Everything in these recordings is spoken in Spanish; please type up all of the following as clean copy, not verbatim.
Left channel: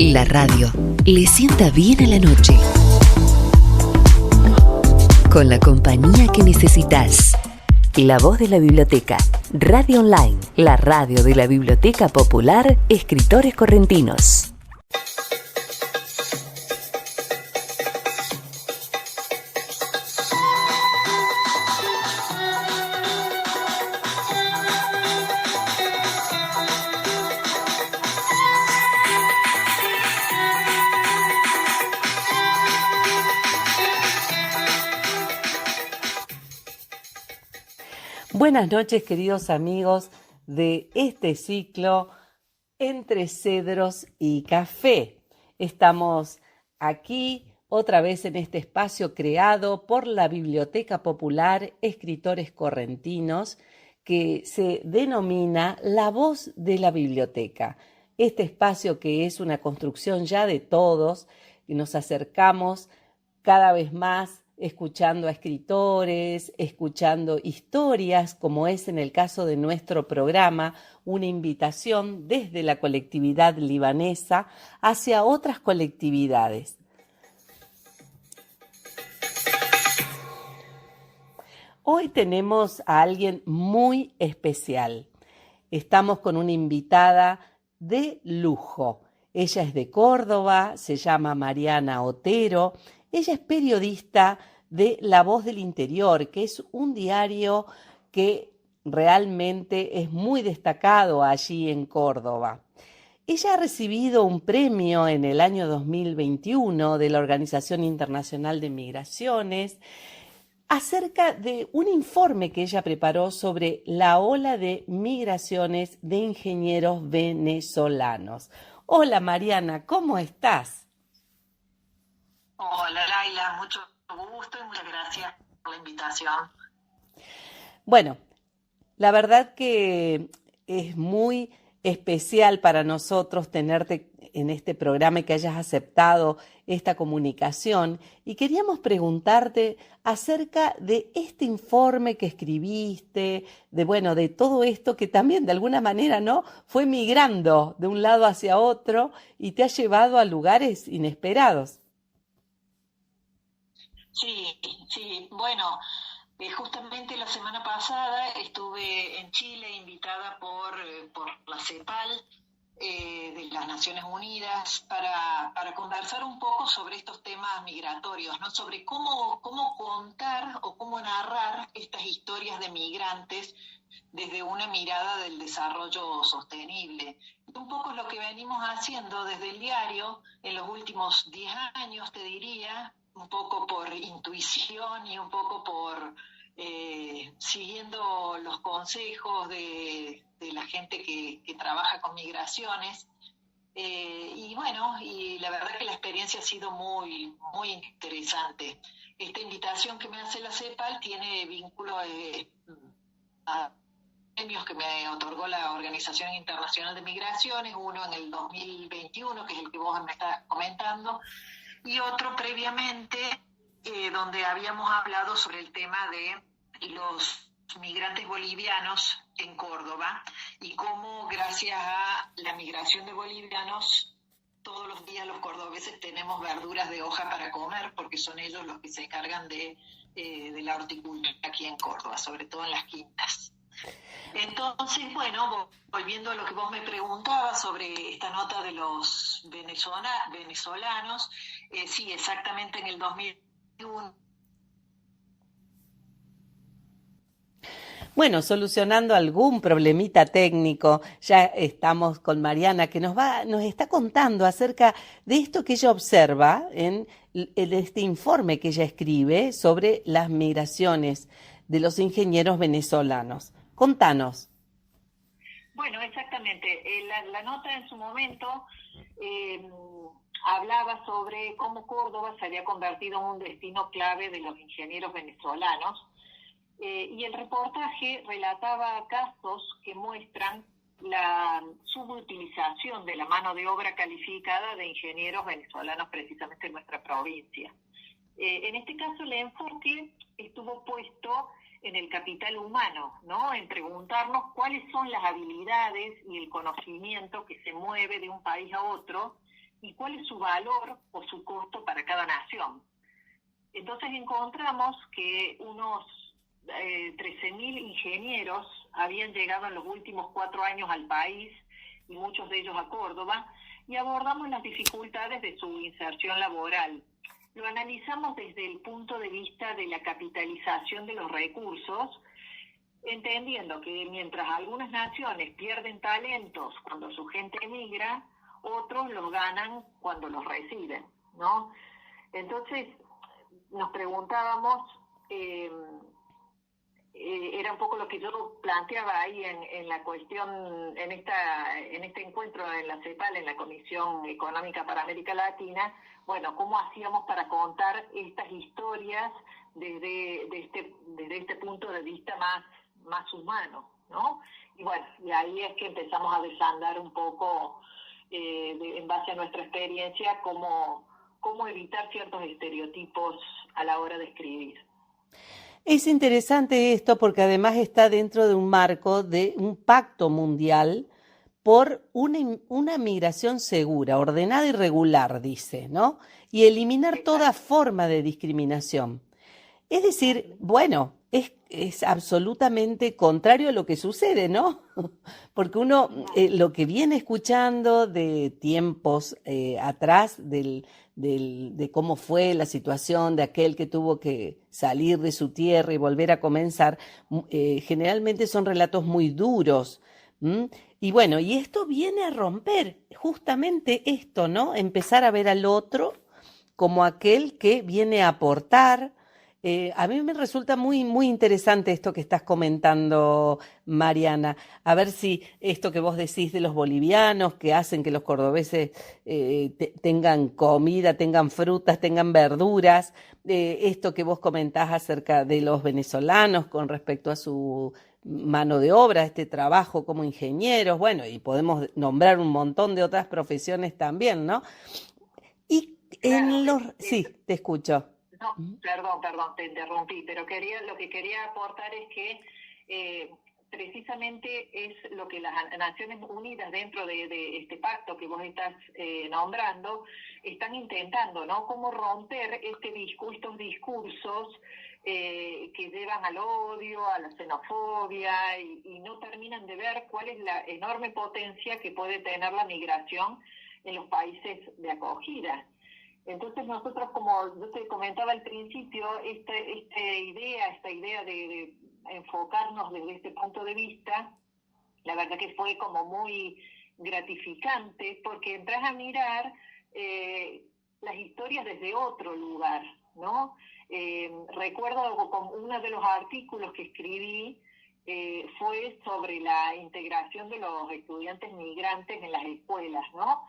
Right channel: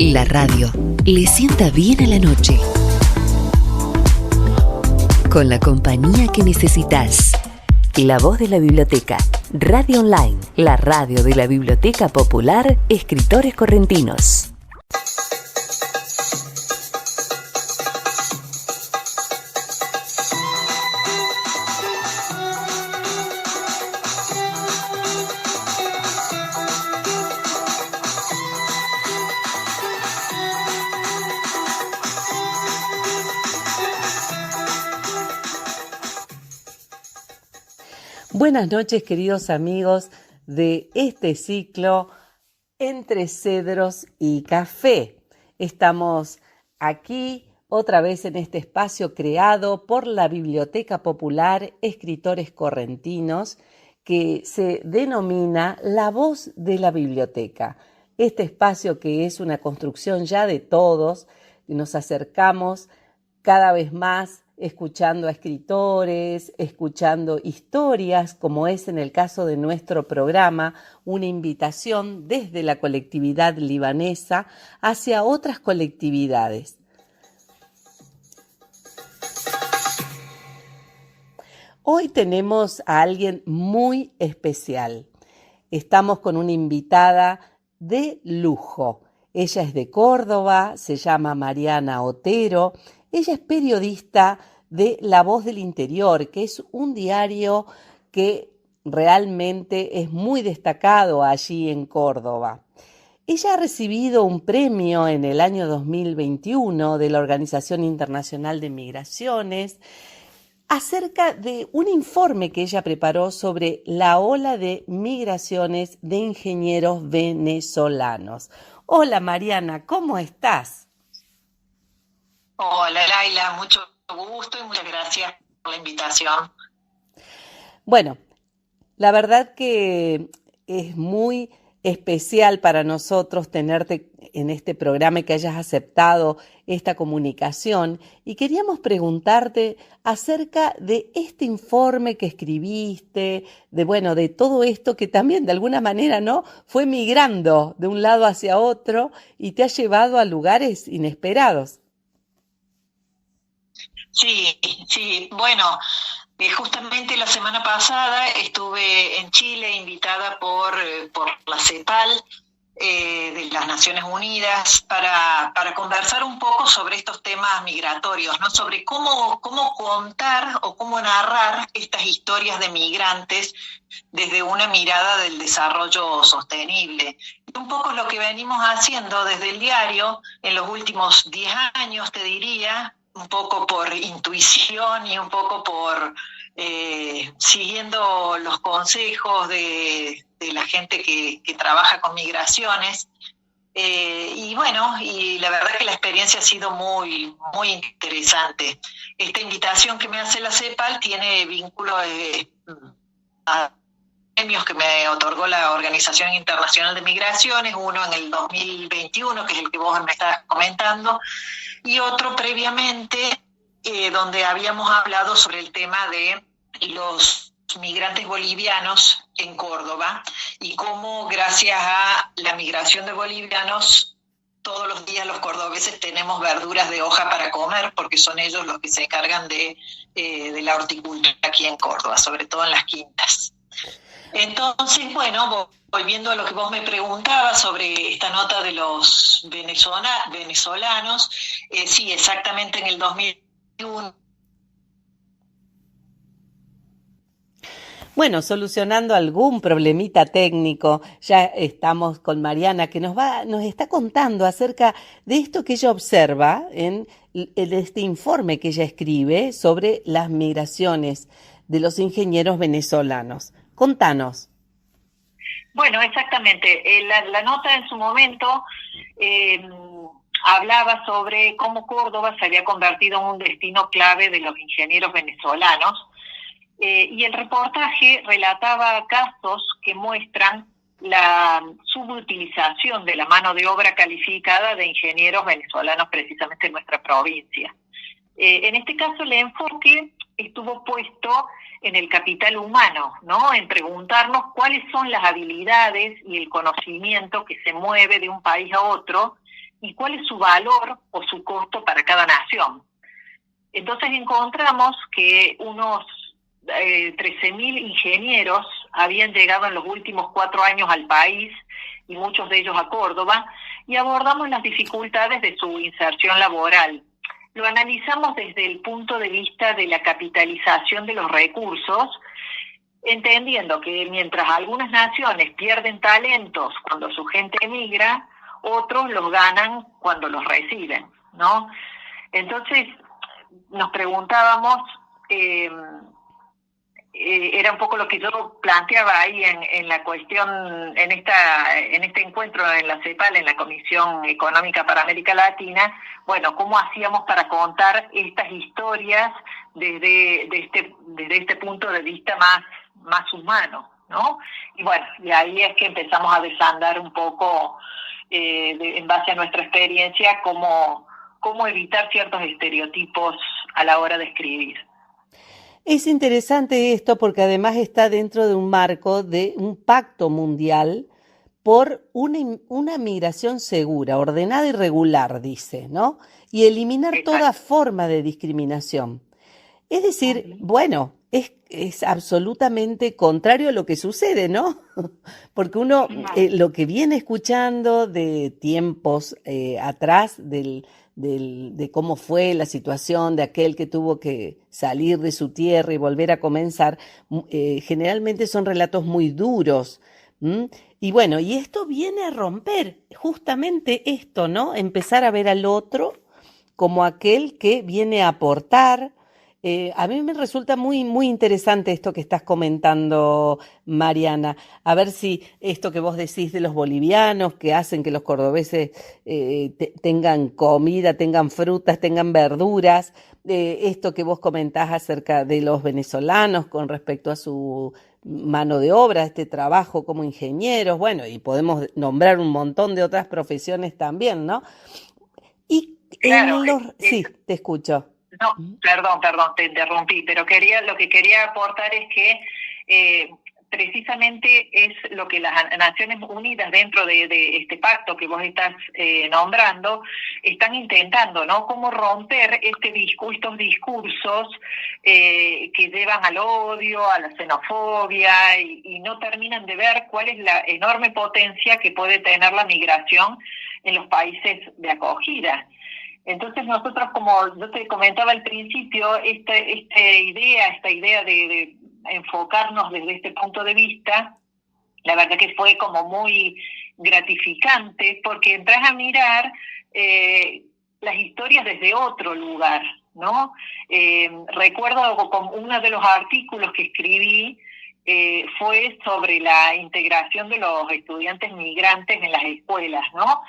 La radio le sienta bien a la noche. Con la compañía que necesitas. La voz de la biblioteca. Radio Online, la radio de la Biblioteca Popular Escritores Correntinos. Buenas noches, queridos amigos de este ciclo Entre Cedros y Café. Estamos aquí otra vez en este espacio creado por la Biblioteca Popular Escritores Correntinos, que se denomina La Voz de la Biblioteca. Este espacio que es una construcción ya de todos, y nos acercamos cada vez más escuchando a escritores, escuchando historias, como es en el caso de nuestro programa, una invitación desde la colectividad libanesa hacia otras colectividades. Hoy tenemos a alguien muy especial. Estamos con una invitada de lujo. Ella es de Córdoba, se llama Mariana Otero. Ella es periodista de La Voz del Interior, que es un diario que realmente es muy destacado allí en Córdoba. Ella ha recibido un premio en el año 2021 de la Organización Internacional de Migraciones acerca de un informe que ella preparó sobre la ola de migraciones de ingenieros venezolanos. Hola Mariana, ¿cómo estás? Hola Laila, mucho gusto y muchas gracias por la invitación. Bueno, la verdad que es muy especial para nosotros tenerte en este programa y que hayas aceptado esta comunicación. Y queríamos preguntarte acerca de este informe que escribiste, de todo esto que también de alguna manera, ¿no?, fue migrando de un lado hacia otro y te ha llevado a lugares inesperados. Sí, bueno, justamente la semana pasada estuve en Chile invitada por la CEPAL de las Naciones Unidas para conversar un poco sobre estos temas migratorios, ¿no? Sobre cómo contar o cómo narrar estas historias de migrantes desde una mirada del desarrollo sostenible. Y un poco lo que venimos haciendo desde el diario en los últimos 10 años, te diría, un poco por intuición y un poco por siguiendo los consejos de la gente que trabaja con migraciones. Y la verdad que la experiencia ha sido muy, muy interesante. Esta invitación que me hace la CEPAL tiene vínculo a premios que me otorgó la Organización Internacional de Migraciones, uno en el 2021, que es el que vos me estás comentando, y otro previamente, donde habíamos hablado sobre el tema de los migrantes bolivianos en Córdoba y cómo gracias a la migración de bolivianos todos los días los cordobeses tenemos verduras de hoja para comer, porque son ellos los que se encargan de la horticultura aquí en Córdoba, sobre todo en las quintas. Entonces, volviendo a lo que vos me preguntabas sobre esta nota de los venezolanos, sí, exactamente en el 2001. Bueno, solucionando algún problemita técnico, ya estamos con Mariana que nos está contando acerca de esto que ella observa en este informe que ella escribe sobre las migraciones de los ingenieros venezolanos. Contanos. Bueno, exactamente. La nota en su momento hablaba sobre cómo Córdoba se había convertido en un destino clave de los ingenieros venezolanos. Y el reportaje relataba casos que muestran la subutilización de la mano de obra calificada de ingenieros venezolanos precisamente en nuestra provincia. En este caso el enfoque estuvo puesto en el capital humano, ¿no? En preguntarnos cuáles son las habilidades y el conocimiento que se mueve de un país a otro y cuál es su valor o su costo para cada nación. Entonces encontramos que unos 13.000 ingenieros habían llegado en los últimos 4 años al país, y muchos de ellos a Córdoba, y abordamos las dificultades de su inserción laboral. Lo analizamos desde el punto de vista de la capitalización de los recursos, entendiendo que mientras algunas naciones pierden talentos cuando su gente emigra, otros los ganan cuando los reciben, ¿no? Entonces, nos preguntábamos, era un poco lo que yo planteaba ahí en la cuestión, en este encuentro en la CEPAL, en la Comisión Económica para América Latina, bueno, cómo hacíamos para contar estas historias desde este punto de vista más humano, ¿no? Y bueno, y ahí es que empezamos a desandar un poco, en base a nuestra experiencia, cómo evitar ciertos estereotipos a la hora de escribir. Es interesante esto porque además está dentro de un marco de un pacto mundial por una migración segura, ordenada y regular, dice, ¿no? Y eliminar toda forma de discriminación. Es decir, bueno, es absolutamente contrario a lo que sucede, ¿no? Porque uno lo que viene escuchando de tiempos atrás de cómo fue la situación de aquel que tuvo que salir de su tierra y volver a comenzar, generalmente son relatos muy duros. Y bueno, y esto viene a romper justamente esto, ¿no? Empezar a ver al otro como aquel que viene a aportar. A mí me resulta muy, muy interesante esto que estás comentando, Mariana. A ver si esto que vos decís de los bolivianos, que hacen que los cordobeses tengan comida, tengan frutas, tengan verduras, esto que vos comentás acerca de los venezolanos con respecto a su mano de obra, este trabajo como ingenieros, bueno, y podemos nombrar un montón de otras profesiones también, ¿no? Y Claro, sí, te escucho. No, perdón, te interrumpí, pero lo que quería aportar es que precisamente es lo que las Naciones Unidas, dentro de este pacto que vos estás nombrando, están intentando, ¿no? Cómo romper estos discursos que llevan al odio, a la xenofobia, y no terminan de ver cuál es la enorme potencia que puede tener la migración en los países de acogida. Entonces nosotros, como yo te comentaba al principio, esta idea de enfocarnos desde este punto de vista, la verdad que fue como muy gratificante, porque entras a mirar las historias desde otro lugar, ¿no? Recuerdo como uno de los artículos que escribí fue sobre la integración de los estudiantes migrantes en las escuelas, ¿no?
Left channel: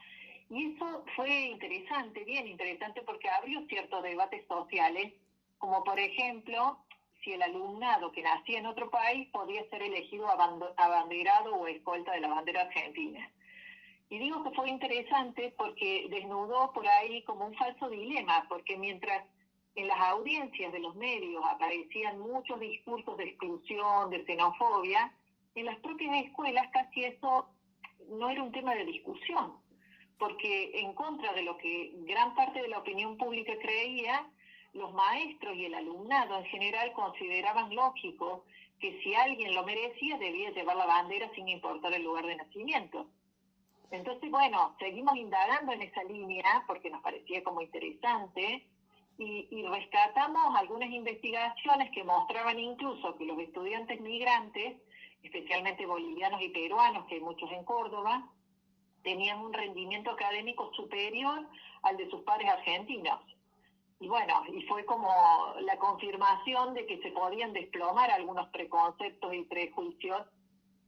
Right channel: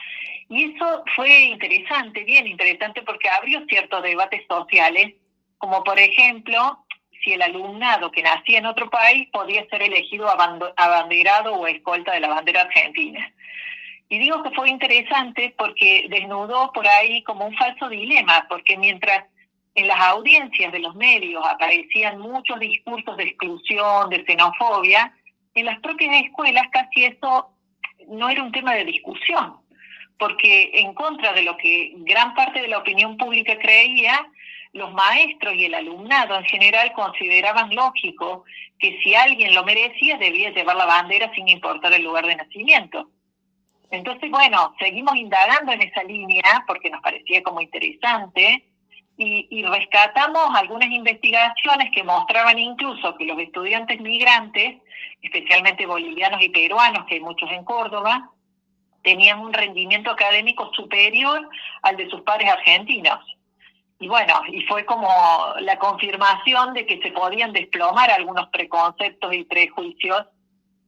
Y eso fue interesante, bien interesante, porque abrió ciertos debates sociales, como por ejemplo, si el alumnado que nacía en otro país podía ser elegido abanderado o escolta de la bandera argentina. Y digo que fue interesante porque desnudó por ahí como un falso dilema, porque mientras en las audiencias de los medios aparecían muchos discursos de exclusión, de xenofobia, en las propias escuelas casi eso no era un tema de discusión, porque en contra de lo que gran parte de la opinión pública creía, los maestros y el alumnado en general consideraban lógico que si alguien lo merecía debía llevar la bandera sin importar el lugar de nacimiento. Entonces, bueno, seguimos indagando en esa línea porque nos parecía como interesante y rescatamos algunas investigaciones que mostraban incluso que los estudiantes migrantes, especialmente bolivianos y peruanos, que hay muchos en Córdoba, tenían un rendimiento académico superior al de sus pares argentinos. Y bueno, y fue como la confirmación de que se podían desplomar algunos preconceptos y prejuicios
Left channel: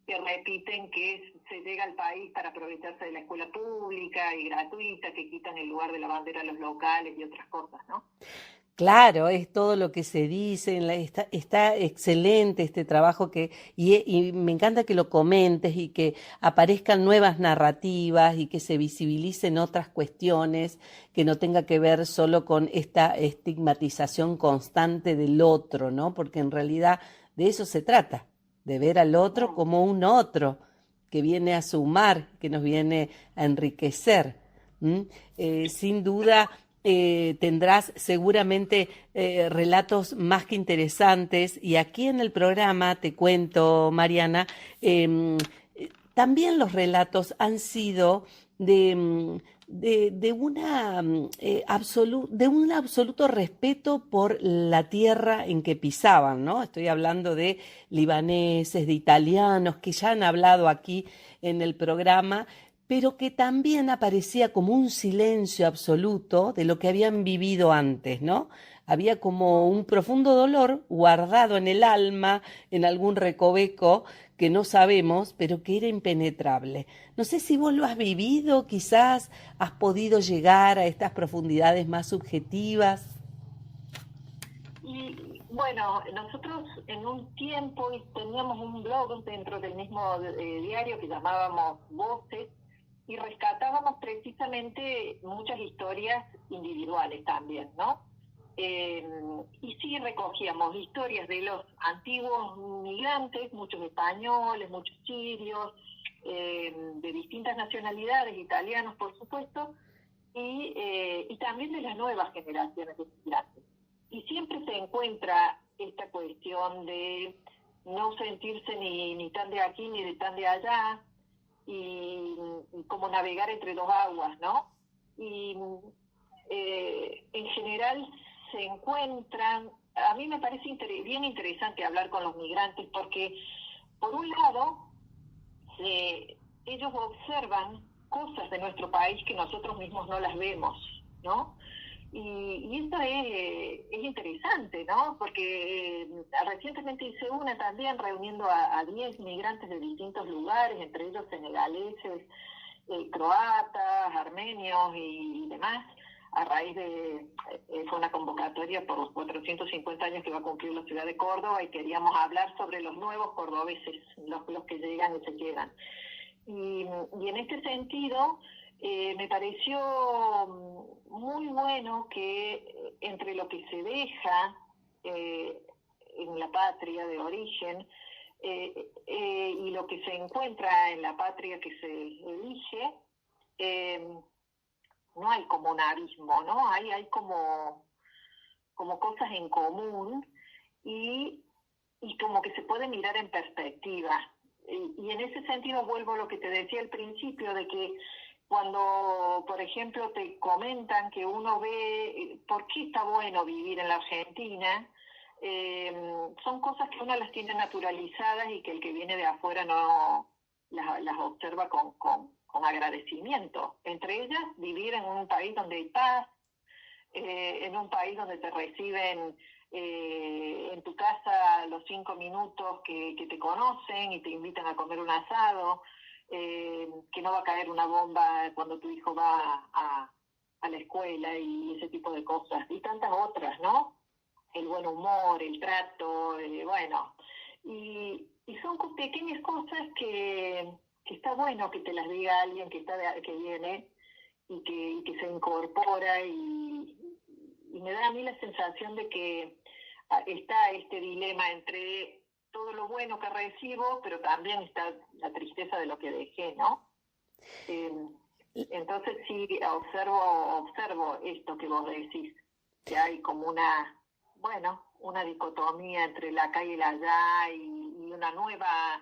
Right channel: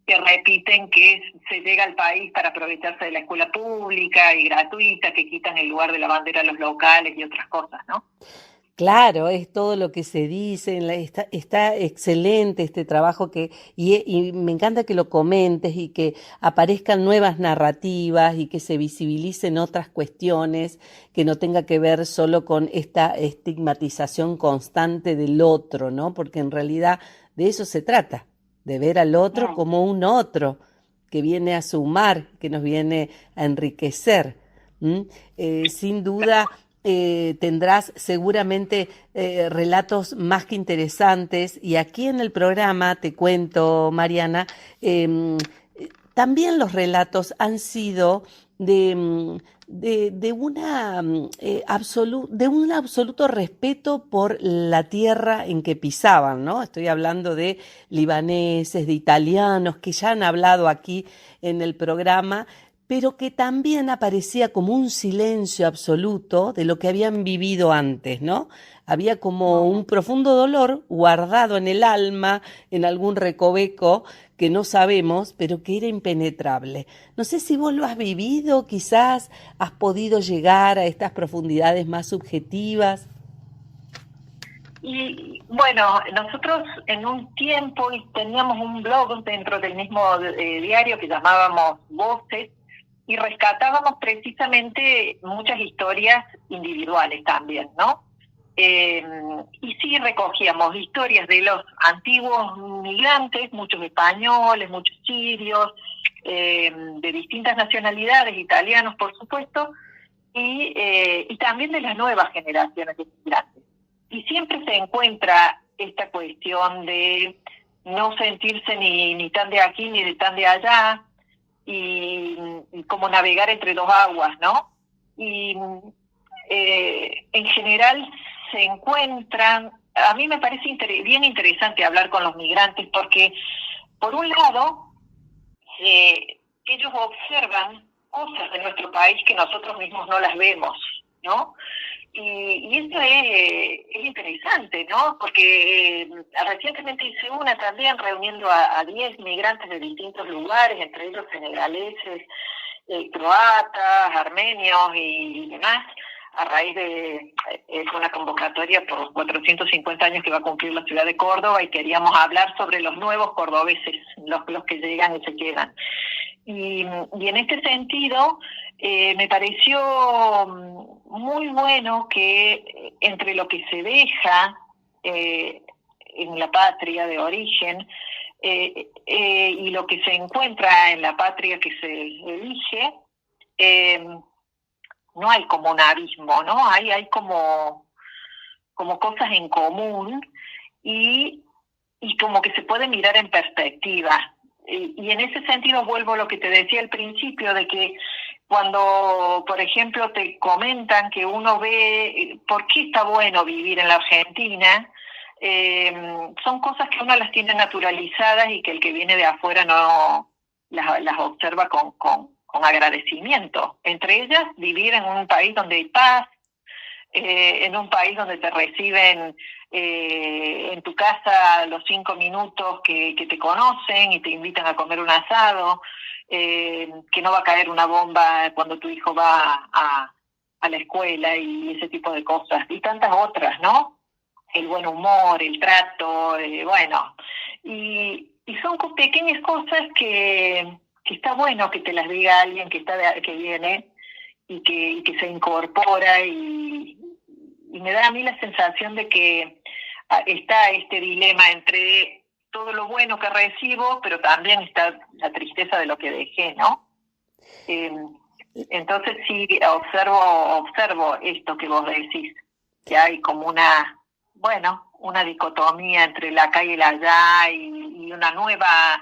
que repiten que se llega al país para aprovecharse de la escuela pública y gratuita, que quitan el lugar de la bandera a los locales y otras cosas, ¿no? Claro, es todo lo que se dice, está excelente este trabajo y me encanta que lo comentes y que aparezcan nuevas narrativas y que se visibilicen otras cuestiones que no tenga que ver solo con esta estigmatización constante del otro, ¿no? Porque en realidad de eso se trata, de ver al otro como un otro que viene a sumar, que nos viene a enriquecer. Sin duda tendrás seguramente relatos más que interesantes, y aquí en el programa te cuento, Mariana, también los relatos han sido de de un absoluto respeto por la tierra en que pisaban, ¿no? Estoy hablando de libaneses, de italianos que ya han hablado aquí en el programa, pero que también aparecía como un silencio absoluto de lo que habían vivido antes, ¿no? Había como un profundo dolor guardado en el alma, en algún recoveco que no sabemos, pero que era impenetrable. No sé si vos lo has vivido, quizás has podido llegar a estas profundidades más subjetivas. Y bueno, nosotros en un tiempo teníamos un blog dentro del mismo diario que llamábamos Voces, y rescatábamos precisamente muchas historias individuales también, ¿no? Y sí recogíamos historias de los antiguos migrantes, muchos españoles, muchos sirios, de distintas nacionalidades, italianos por supuesto, y también de las nuevas generaciones de migrantes. Y siempre se encuentra esta cuestión de no sentirse ni tan de aquí ni de tan de allá, y como navegar entre dos aguas, ¿no? Y en general se encuentran, a mí me parece bien interesante hablar con los migrantes porque, por un lado, ellos observan cosas de nuestro país que nosotros mismos no las vemos, ¿no? Y esto es interesante, ¿no? Porque recientemente hice una también reuniendo a 10 migrantes de distintos lugares, entre ellos senegaleses, croatas, armenios y demás, a raíz de una convocatoria por 450 años que va a cumplir la ciudad de Córdoba, y queríamos hablar sobre los nuevos cordobeses, los que llegan y se quedan. Y en este sentido, me pareció muy bueno que entre lo que se deja en la patria de origen y lo que se encuentra en la patria que se elige, no hay como un abismo, ¿no? Hay como cosas en común, y como que se puede mirar en perspectiva. Y en ese sentido vuelvo a lo que te decía al principio, de que cuando, por ejemplo, te comentan que uno ve por qué está bueno vivir en la Argentina, son cosas que uno las tiene naturalizadas y que el que viene de afuera no las observa con agradecimiento. Entre ellas, vivir en un país donde hay paz, en un país donde te reciben en tu casa a los 5 minutos que te conocen y te invitan a comer un asado, que no va a caer una bomba cuando tu hijo va a la escuela, y ese tipo de cosas, y tantas otras, ¿no? El buen humor, el trato, bueno, y son pequeñas cosas que está bueno que te las diga alguien que viene y que se incorpora, y me da a mí la sensación de que está este dilema entre todo lo bueno que recibo, pero también está la tristeza de lo que dejé, ¿no? Entonces sí, observo esto que vos decís, que hay como una dicotomía entre la acá y el allá, y una nueva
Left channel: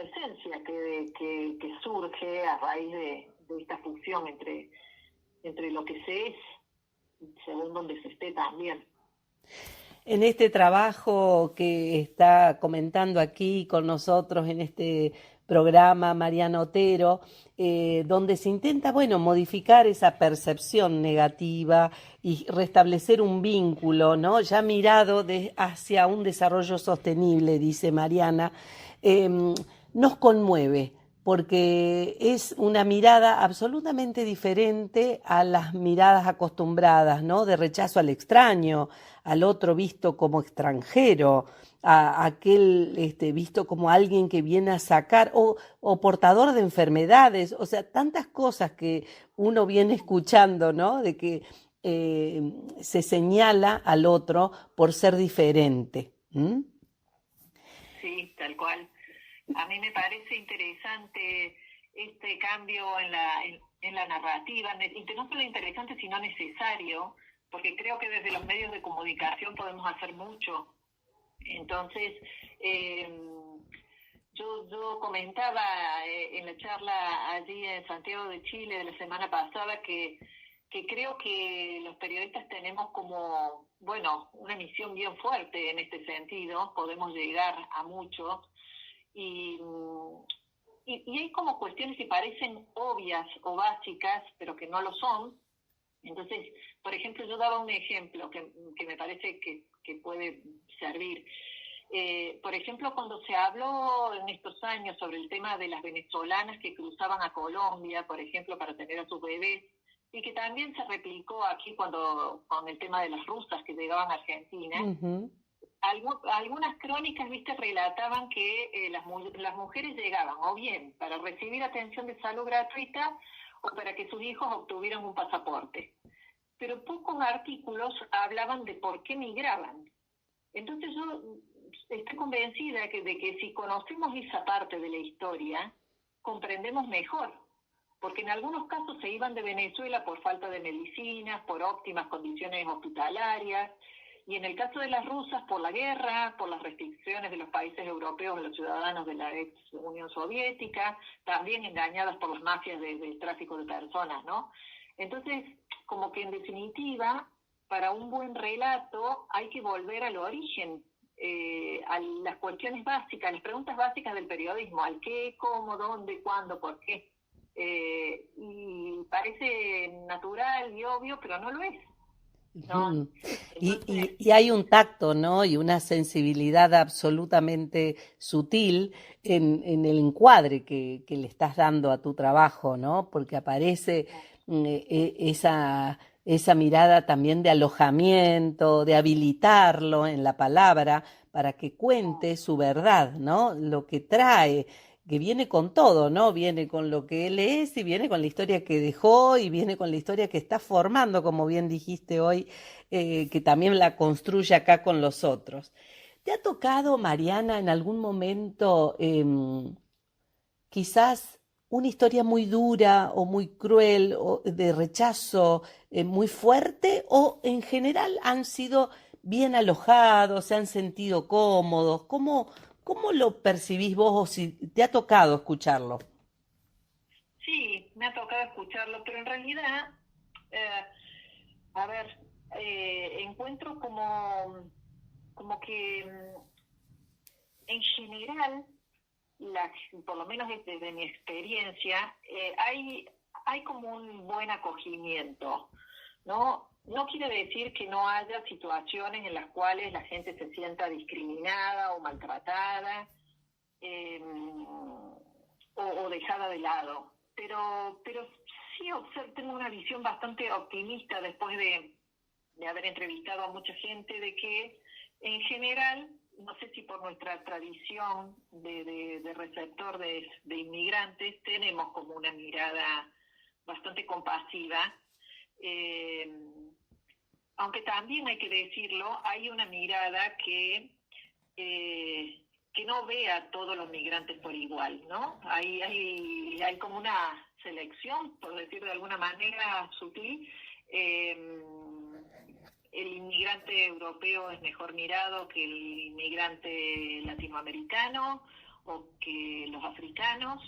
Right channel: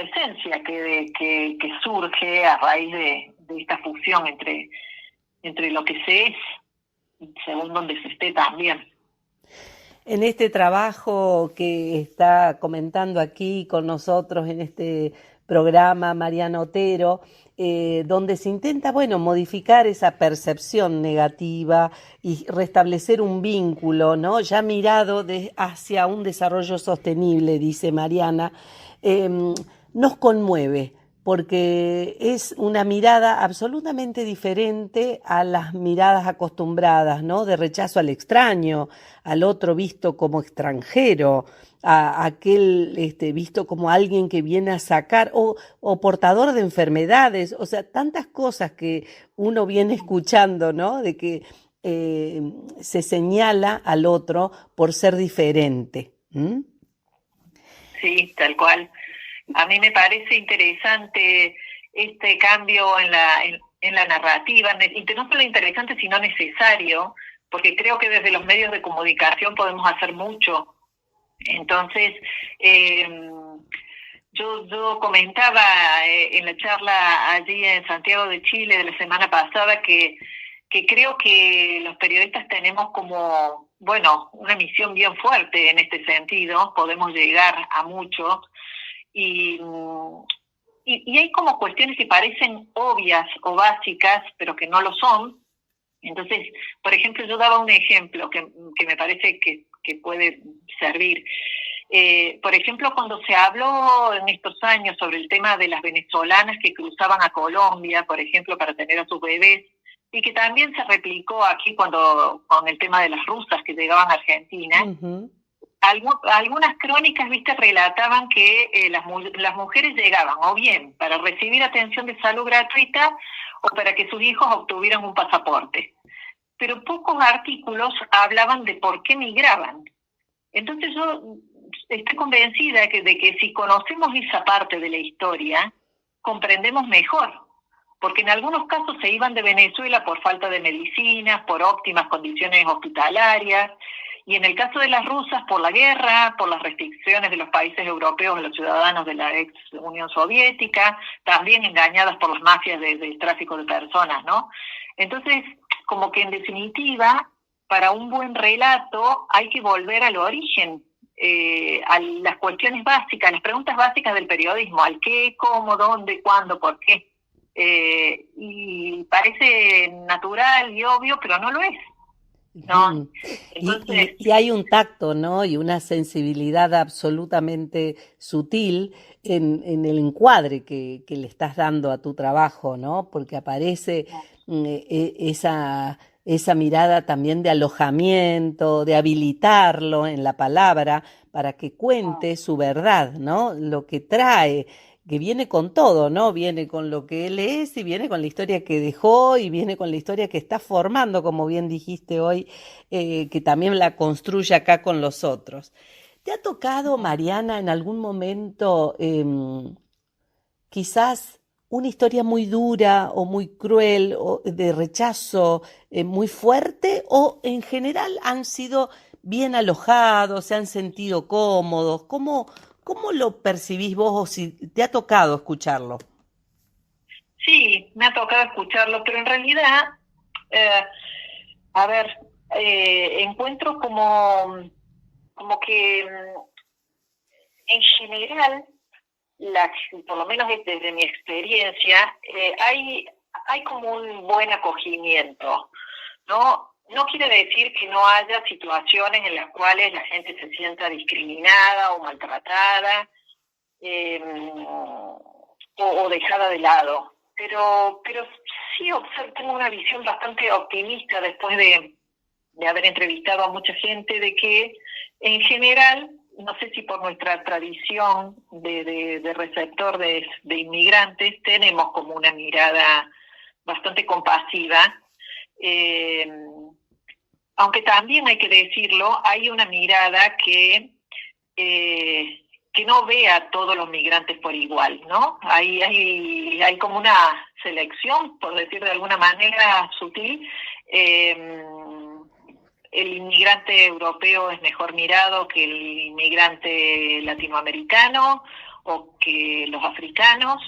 esencia que surge a raíz de esta fusión entre lo que se es y según donde se esté también. En este trabajo que está comentando aquí con nosotros en este programa Mariana Otero, donde se intenta, modificar esa percepción negativa y restablecer un vínculo, ¿no? Ya mirado hacia un desarrollo sostenible, dice Mariana, nos conmueve, porque es una mirada absolutamente diferente a las miradas acostumbradas, ¿no? De rechazo al extraño, al otro visto como extranjero, a aquel visto como alguien que viene a sacar, o portador de enfermedades, o sea, tantas cosas que uno viene escuchando, ¿no? De que se señala al otro por ser diferente. Sí, tal cual. A mí me parece interesante este cambio en la narrativa, no solo interesante, sino necesario, porque creo que desde los medios de comunicación podemos hacer mucho. Entonces, yo comentaba en la charla allí en Santiago de Chile de la semana pasada que creo que los periodistas tenemos como, bueno, una misión bien fuerte en este sentido, podemos llegar a mucho, y hay como cuestiones que parecen obvias o básicas, pero que no lo son. Entonces, por ejemplo, yo daba un ejemplo que me parece que puede servir. Por ejemplo, cuando se habló en estos años sobre el tema de las venezolanas que cruzaban a Colombia, por ejemplo, para tener a sus bebés, y que también se replicó aquí con el tema de las rusas que llegaban a Argentina, algunas crónicas, viste, relataban que las mujeres llegaban o bien para recibir atención de salud gratuita o para que sus hijos obtuvieran un pasaporte. Pero pocos artículos hablaban de por qué migraban. Entonces yo estoy convencida de que si conocemos esa parte de la historia, comprendemos mejor. Porque en algunos casos se iban de Venezuela por falta de medicinas, por óptimas condiciones hospitalarias, y en el caso de las rusas por la guerra, por las restricciones de los países europeos a los ciudadanos de la ex Unión Soviética, también engañadas por las mafias del tráfico de personas, ¿no? Entonces, como que en definitiva, para un buen relato hay que volver al origen, a las cuestiones básicas, las preguntas básicas del periodismo, al qué, cómo, dónde, cuándo, por qué. Y parece natural y obvio, pero no lo es, ¿no? Entonces, y hay un tacto, ¿no? Y una sensibilidad absolutamente sutil en el encuadre que le estás dando a tu trabajo, ¿no? Porque aparece esa mirada también de alojamiento, de habilitarlo en la palabra para que cuente su verdad, ¿no? Lo que trae, que viene con todo, ¿no? Viene con lo que él es y viene con la historia que dejó y viene con la historia que está formando, como bien dijiste hoy, que también la construye acá con los otros. ¿Te ha tocado, Mariana, en algún momento quizás una historia muy dura o muy cruel o de rechazo muy fuerte, o en general han sido bien alojados, se han sentido cómodos? ¿Cómo lo percibís vos, o si te ha tocado escucharlo? Sí, me ha tocado escucharlo, pero en realidad, encuentro como que en general, por lo menos desde mi experiencia, hay como un buen acogimiento, ¿no? No quiere decir que no haya situaciones en las cuales la gente se sienta discriminada o maltratada o dejada de lado, pero sí tengo una visión bastante optimista después de haber entrevistado a mucha gente, de que en general, no sé si por nuestra tradición de receptor de inmigrantes, tenemos como una mirada bastante compasiva, aunque también hay que decirlo, hay una mirada que no ve a todos los migrantes por igual, ¿no? Hay como una selección, por decir de alguna manera sutil. El inmigrante europeo es mejor mirado que el inmigrante latinoamericano o que los africanos.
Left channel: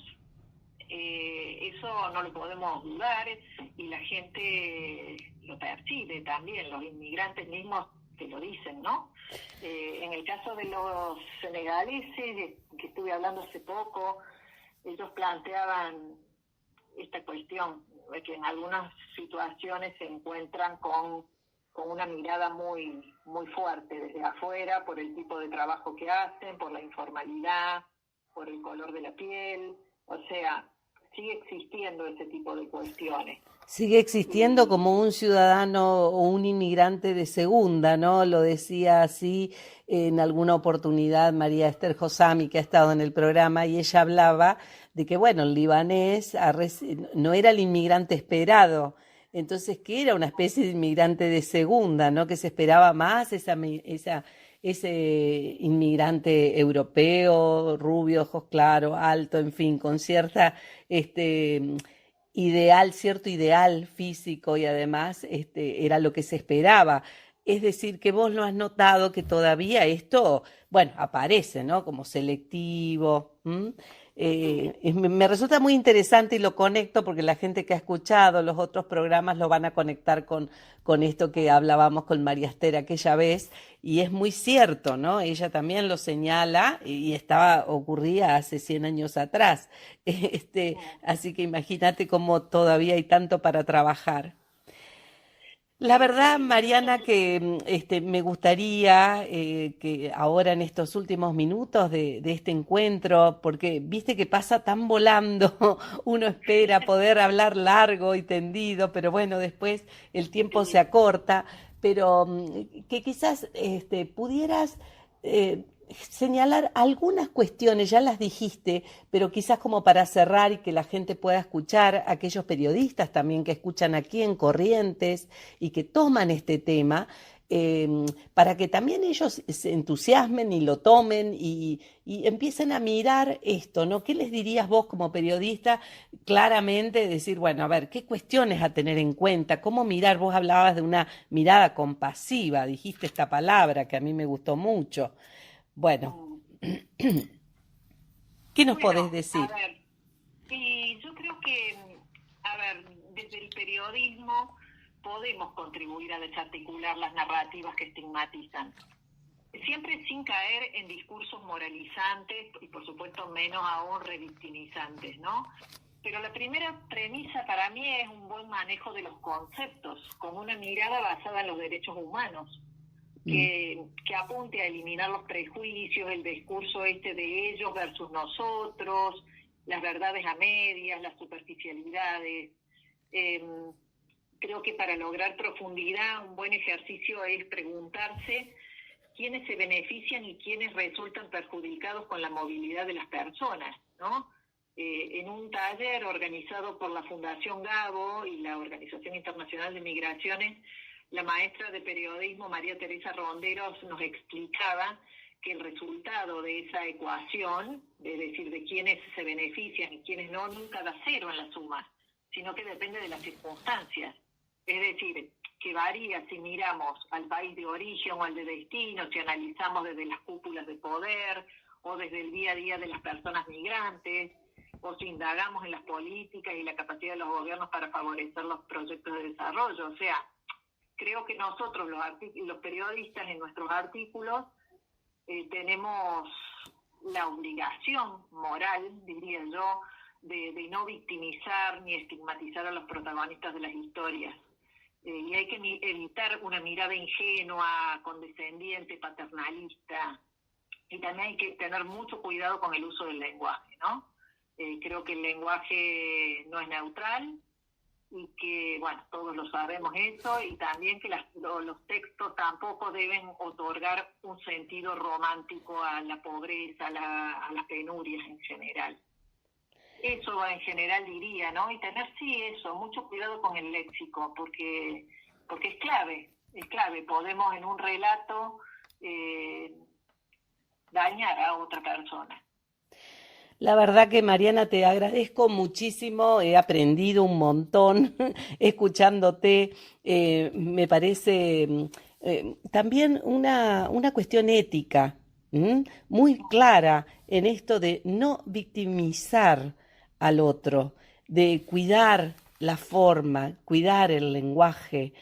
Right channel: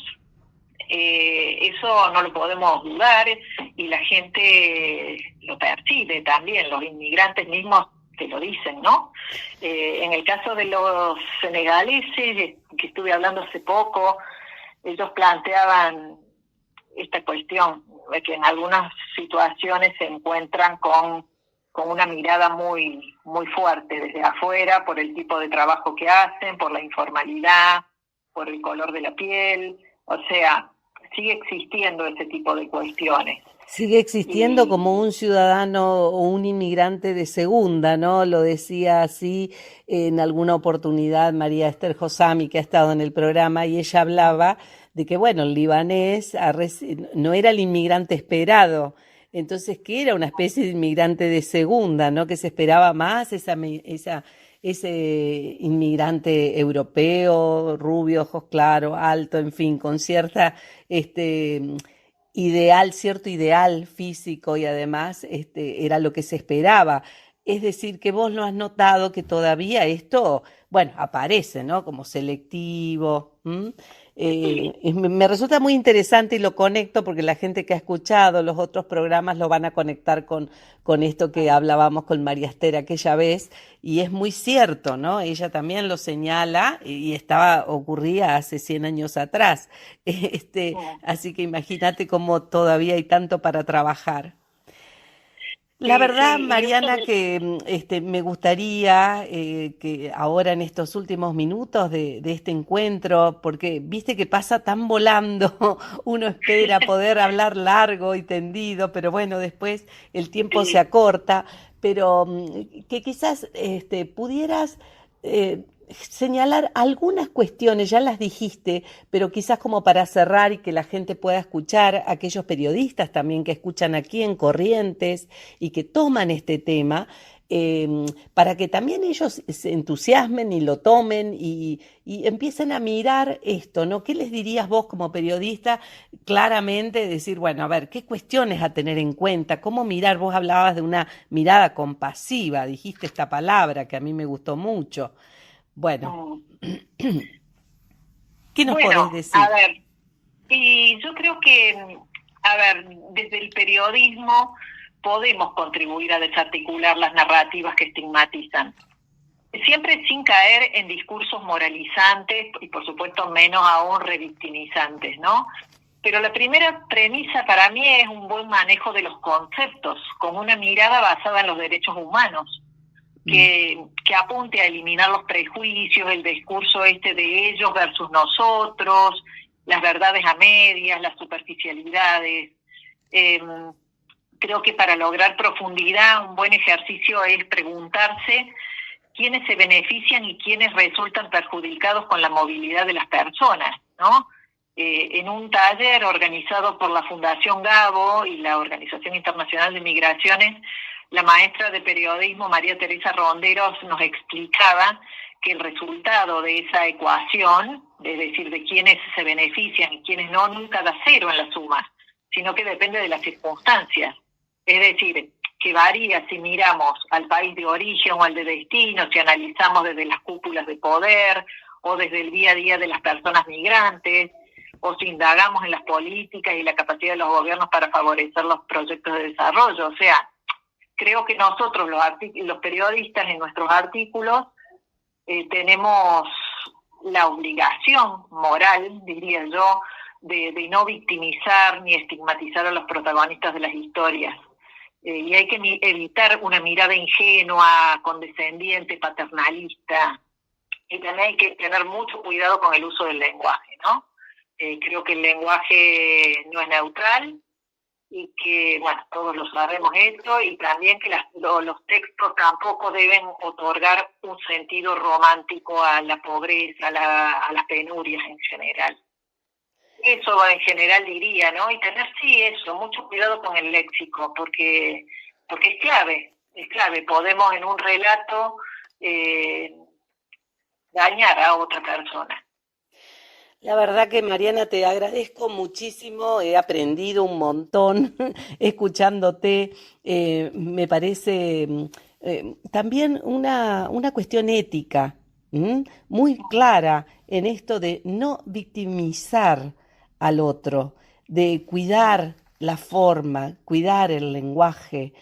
Eso no lo podemos dudar, y la gente lo percibe también, los inmigrantes mismos te lo dicen, ¿no? En el caso de los senegaleses, que estuve hablando hace poco, ellos planteaban esta cuestión, de que en algunas situaciones se encuentran con una mirada muy, muy fuerte desde afuera, por el tipo de trabajo que hacen, por la informalidad, por el color de la piel. O sea, sigue existiendo ese tipo de cuestiones. Sigue existiendo como un ciudadano o un inmigrante de segunda, ¿no? Lo decía así en alguna oportunidad María Esther Josami, que ha estado en el programa, y ella hablaba de que, bueno, el libanés no era el inmigrante esperado, entonces que era una especie de inmigrante de segunda, ¿no? Que se esperaba más ese inmigrante europeo, rubio, ojos claros, alto, en fin, con cierta ideal, cierto ideal físico y además era lo que se esperaba. Es decir, que vos lo has notado que todavía esto, bueno, aparece, ¿no? Como selectivo. Me resulta muy interesante y lo conecto porque la gente que ha escuchado los otros programas lo van a conectar con esto que hablábamos con María Esther aquella vez, y es muy cierto, ¿no? Ella también lo señala y ocurría hace 100 años atrás. Así que imagínate cómo todavía hay tanto para trabajar. La Sí, verdad, sí, y esto Mariana, que me gustaría que ahora en estos últimos minutos de este encuentro, porque viste que pasa tan volando, uno espera poder hablar largo y tendido, pero bueno, después el tiempo se sí, acorta, pero que quizás pudieras señalar algunas cuestiones, ya las dijiste, pero quizás como para cerrar y que la gente pueda escuchar, aquellos periodistas también que escuchan aquí en Corrientes y que toman este tema, eh, para que también ellos se entusiasmen y lo tomen y empiecen a mirar esto, ¿no? ¿Qué les dirías vos como periodista claramente? Decir, bueno, a ver, ¿qué cuestiones a tener en cuenta? ¿Cómo mirar? Vos hablabas de una mirada compasiva, dijiste esta palabra que a mí me gustó mucho. Bueno, mm, ¿qué nos podés bueno, a decir? ver, y yo creo que, a ver, desde el periodismo podemos contribuir a desarticular las narrativas que estigmatizan, siempre sin caer en discursos moralizantes y por supuesto menos aún revictimizantes, ¿no? Pero la primera premisa para mí es un buen manejo de los conceptos, con una mirada basada en los derechos humanos, Mm, que apunte a eliminar los prejuicios, el discurso de ellos versus nosotros, las verdades a medias, las superficialidades. Eh, Creo que para lograr profundidad un buen ejercicio es preguntarse quiénes se benefician y quiénes resultan perjudicados con la movilidad de las personas, ¿no? En un taller organizado por la Fundación Gabo y la Organización Internacional de Migraciones, la maestra de periodismo María Teresa Ronderos nos explicaba que el resultado de esa ecuación, es decir, de quiénes se benefician y quiénes no, nunca da cero en la suma, sino que depende de las circunstancias. Es decir, que varía si miramos al país de origen o al de destino, si analizamos desde las cúpulas de poder o desde el día a día de las personas migrantes, o si indagamos en las políticas y la capacidad de los gobiernos para favorecer los proyectos de desarrollo. O sea, creo que nosotros los periodistas en nuestros artículos tenemos la obligación moral, diría yo, de no victimizar ni estigmatizar a los protagonistas de las historias. Y hay que evitar una mirada ingenua, condescendiente, paternalista. Y también hay que tener mucho cuidado con el uso del lenguaje, ¿no? Creo que el lenguaje no es neutral y que, bueno, todos lo sabemos esto, y también que los textos tampoco deben otorgar un sentido romántico a la pobreza, a las penurias en general. Eso en general diría, ¿no? Y tener, sí, eso, mucho cuidado con el léxico, porque es clave. Podemos en un relato dañar a otra persona. La verdad que Mariana, te agradezco muchísimo, he aprendido un montón escuchándote, me parece también una cuestión ética, muy clara en esto de no victimizar al otro, de cuidar la forma, cuidar el lenguaje,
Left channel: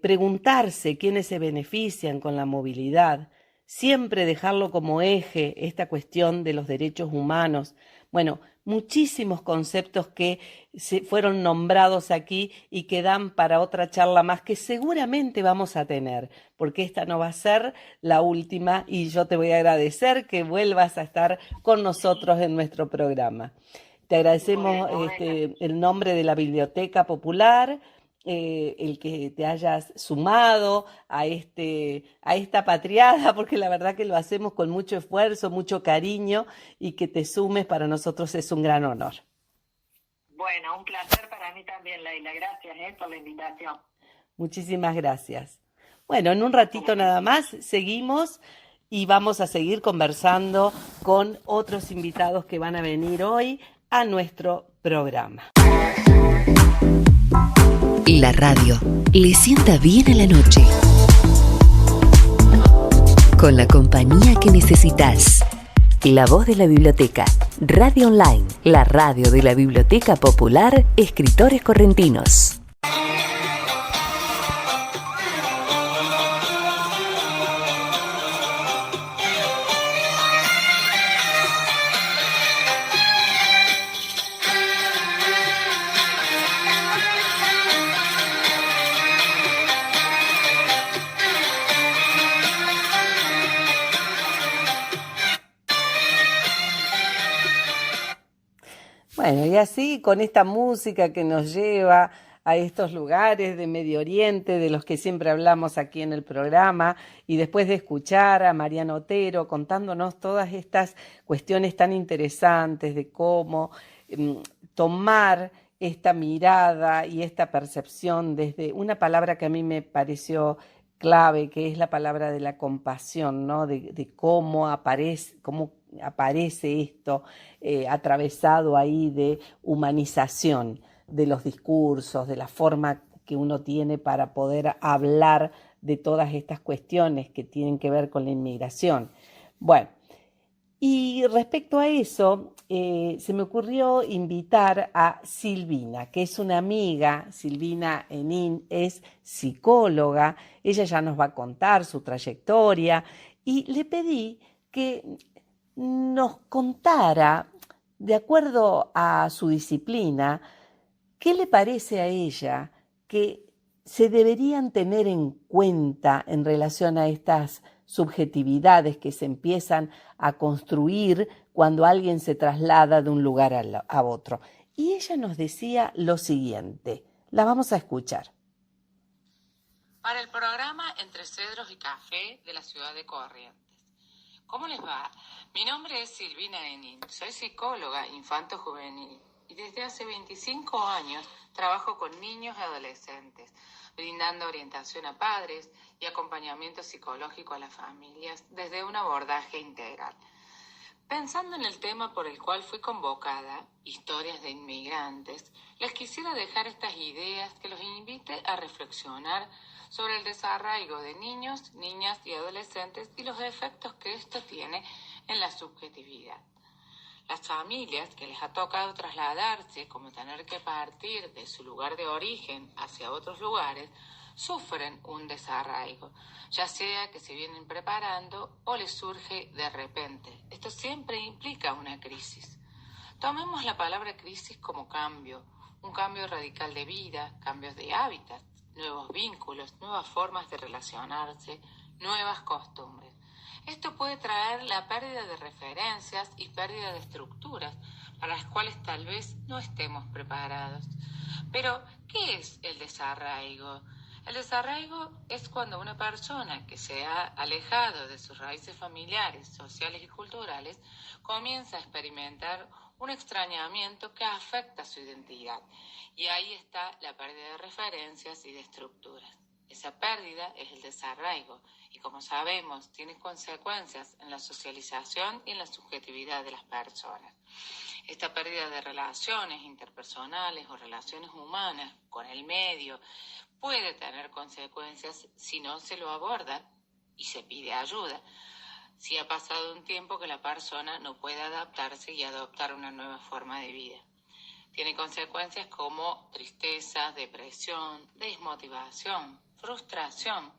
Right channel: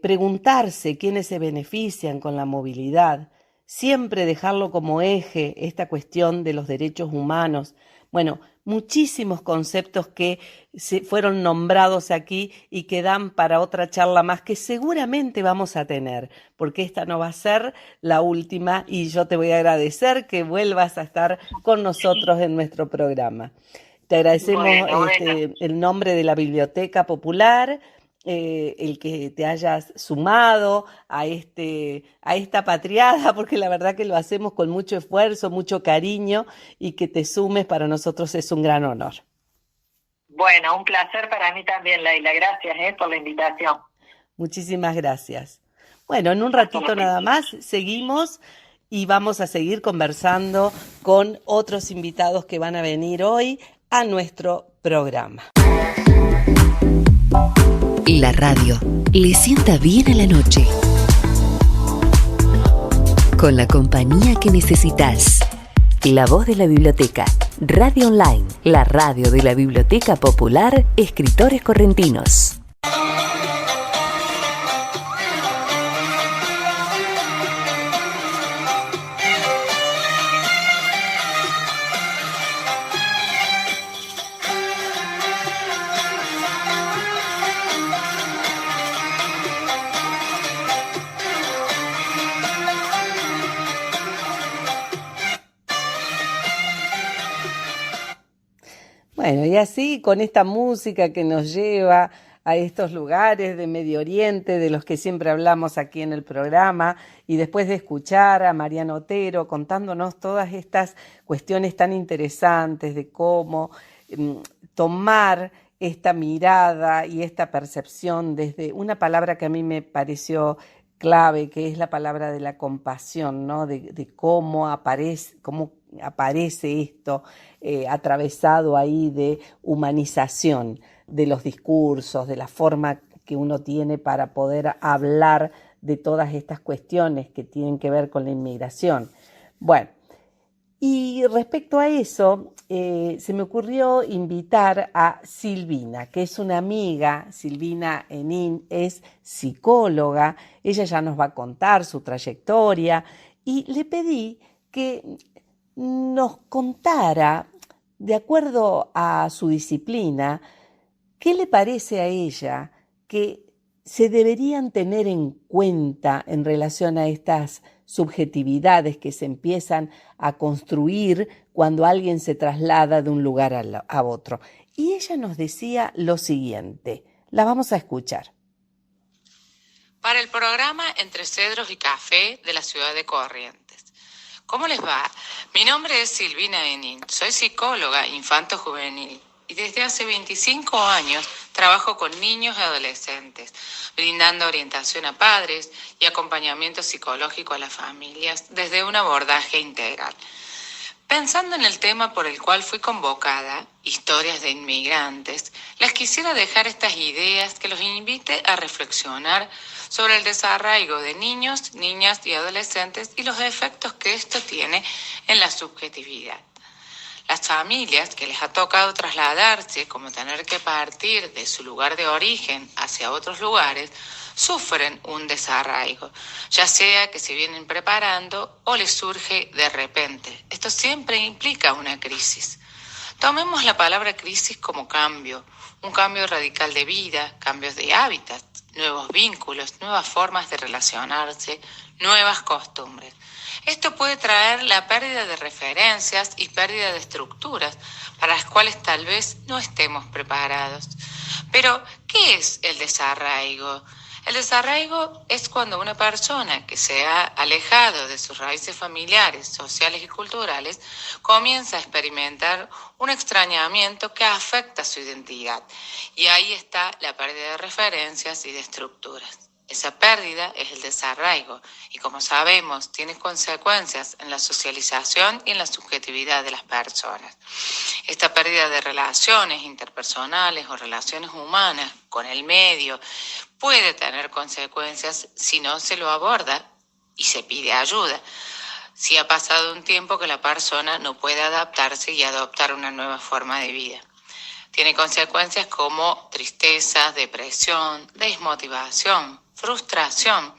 preguntarse quiénes se benefician con la movilidad, siempre dejarlo como eje esta cuestión de los derechos humanos. Bueno, muchísimos conceptos que se fueron nombrados aquí y que dan para otra charla más que seguramente vamos a tener, porque esta no va a ser la última y yo te voy a agradecer que vuelvas a estar con nosotros en nuestro programa. Te agradecemos Bueno. el nombre de la Biblioteca Popular, el que te hayas sumado a esta patriada, porque la verdad que lo hacemos con mucho esfuerzo, mucho cariño, y que te sumes para nosotros es un gran honor. Bueno, un placer para mí también, Leila. Gracias por la invitación. Muchísimas gracias. Bueno, en un Hasta ratito nada luego. más seguimos y vamos a seguir conversando con otros invitados que van a venir hoy a nuestro programa. La radio le sienta bien a la noche. Con la compañía que necesitas. La voz de la biblioteca. Radio Online, la radio de la Biblioteca Popular Escritores Correntinos. Bueno, y así con esta música que nos lleva a estos lugares de Medio Oriente, de los que siempre hablamos aquí en el programa, y después de escuchar a Mariana Otero contándonos todas estas cuestiones tan interesantes de cómo tomar esta mirada y esta percepción desde una palabra que a mí me pareció clave, que es la palabra de la compasión, ¿no? De cómo aparece esto atravesado ahí de humanización de los discursos, de la forma que uno tiene para poder hablar de todas estas cuestiones que tienen que ver con la inmigración. Bueno, y respecto a eso, se me ocurrió invitar a Silvina, que es una amiga. Silvina Henin es psicóloga, ella ya nos va a contar su trayectoria, y le pedí que nos contara, de acuerdo a su disciplina, qué le parece a ella que se deberían tener en cuenta en relación a estas subjetividades que se empiezan a construir cuando alguien se traslada de un lugar a otro. Y ella nos decía lo siguiente, la vamos a escuchar. Para el programa Entre Cedros y Café de la ciudad de Corrientes. ¿Cómo les va? Mi nombre es Silvina Henin, soy psicóloga infanto-juvenil y desde hace 25 años trabajo con niños y adolescentes, brindando orientación a padres y acompañamiento psicológico a las familias desde un abordaje integral. Pensando en el tema por el cual fui convocada, historias de inmigrantes, les quisiera dejar estas ideas que los invite a reflexionar sobre el desarraigo de niños, niñas y adolescentes y los efectos que esto tiene en la subjetividad. Las familias que les ha tocado trasladarse, como tener que partir de su lugar de origen hacia otros lugares, sufren un desarraigo, ya sea que se vienen preparando o les surge de repente. Esto siempre implica una crisis. Tomemos la palabra crisis como cambio, un cambio radical de vida, cambios de hábitat, nuevos vínculos, nuevas formas de relacionarse, nuevas costumbres. Esto puede traer la pérdida de referencias y pérdida de estructuras para las cuales tal vez no estemos preparados. Pero, ¿qué es el desarraigo? El desarraigo es cuando una persona que se ha alejado de sus raíces familiares, sociales y culturales comienza a experimentar un extrañamiento que afecta su identidad. Y ahí está la pérdida de referencias y de estructuras. Esa pérdida es el desarraigo y, como sabemos, tiene consecuencias en la socialización y en la subjetividad de las personas. Esta pérdida de relaciones interpersonales o relaciones humanas con el medio puede tener consecuencias si no se lo aborda y se pide ayuda. Si ha pasado un tiempo que la persona no puede adaptarse y adoptar una nueva forma de vida. Tiene consecuencias como tristeza, depresión, desmotivación, frustración,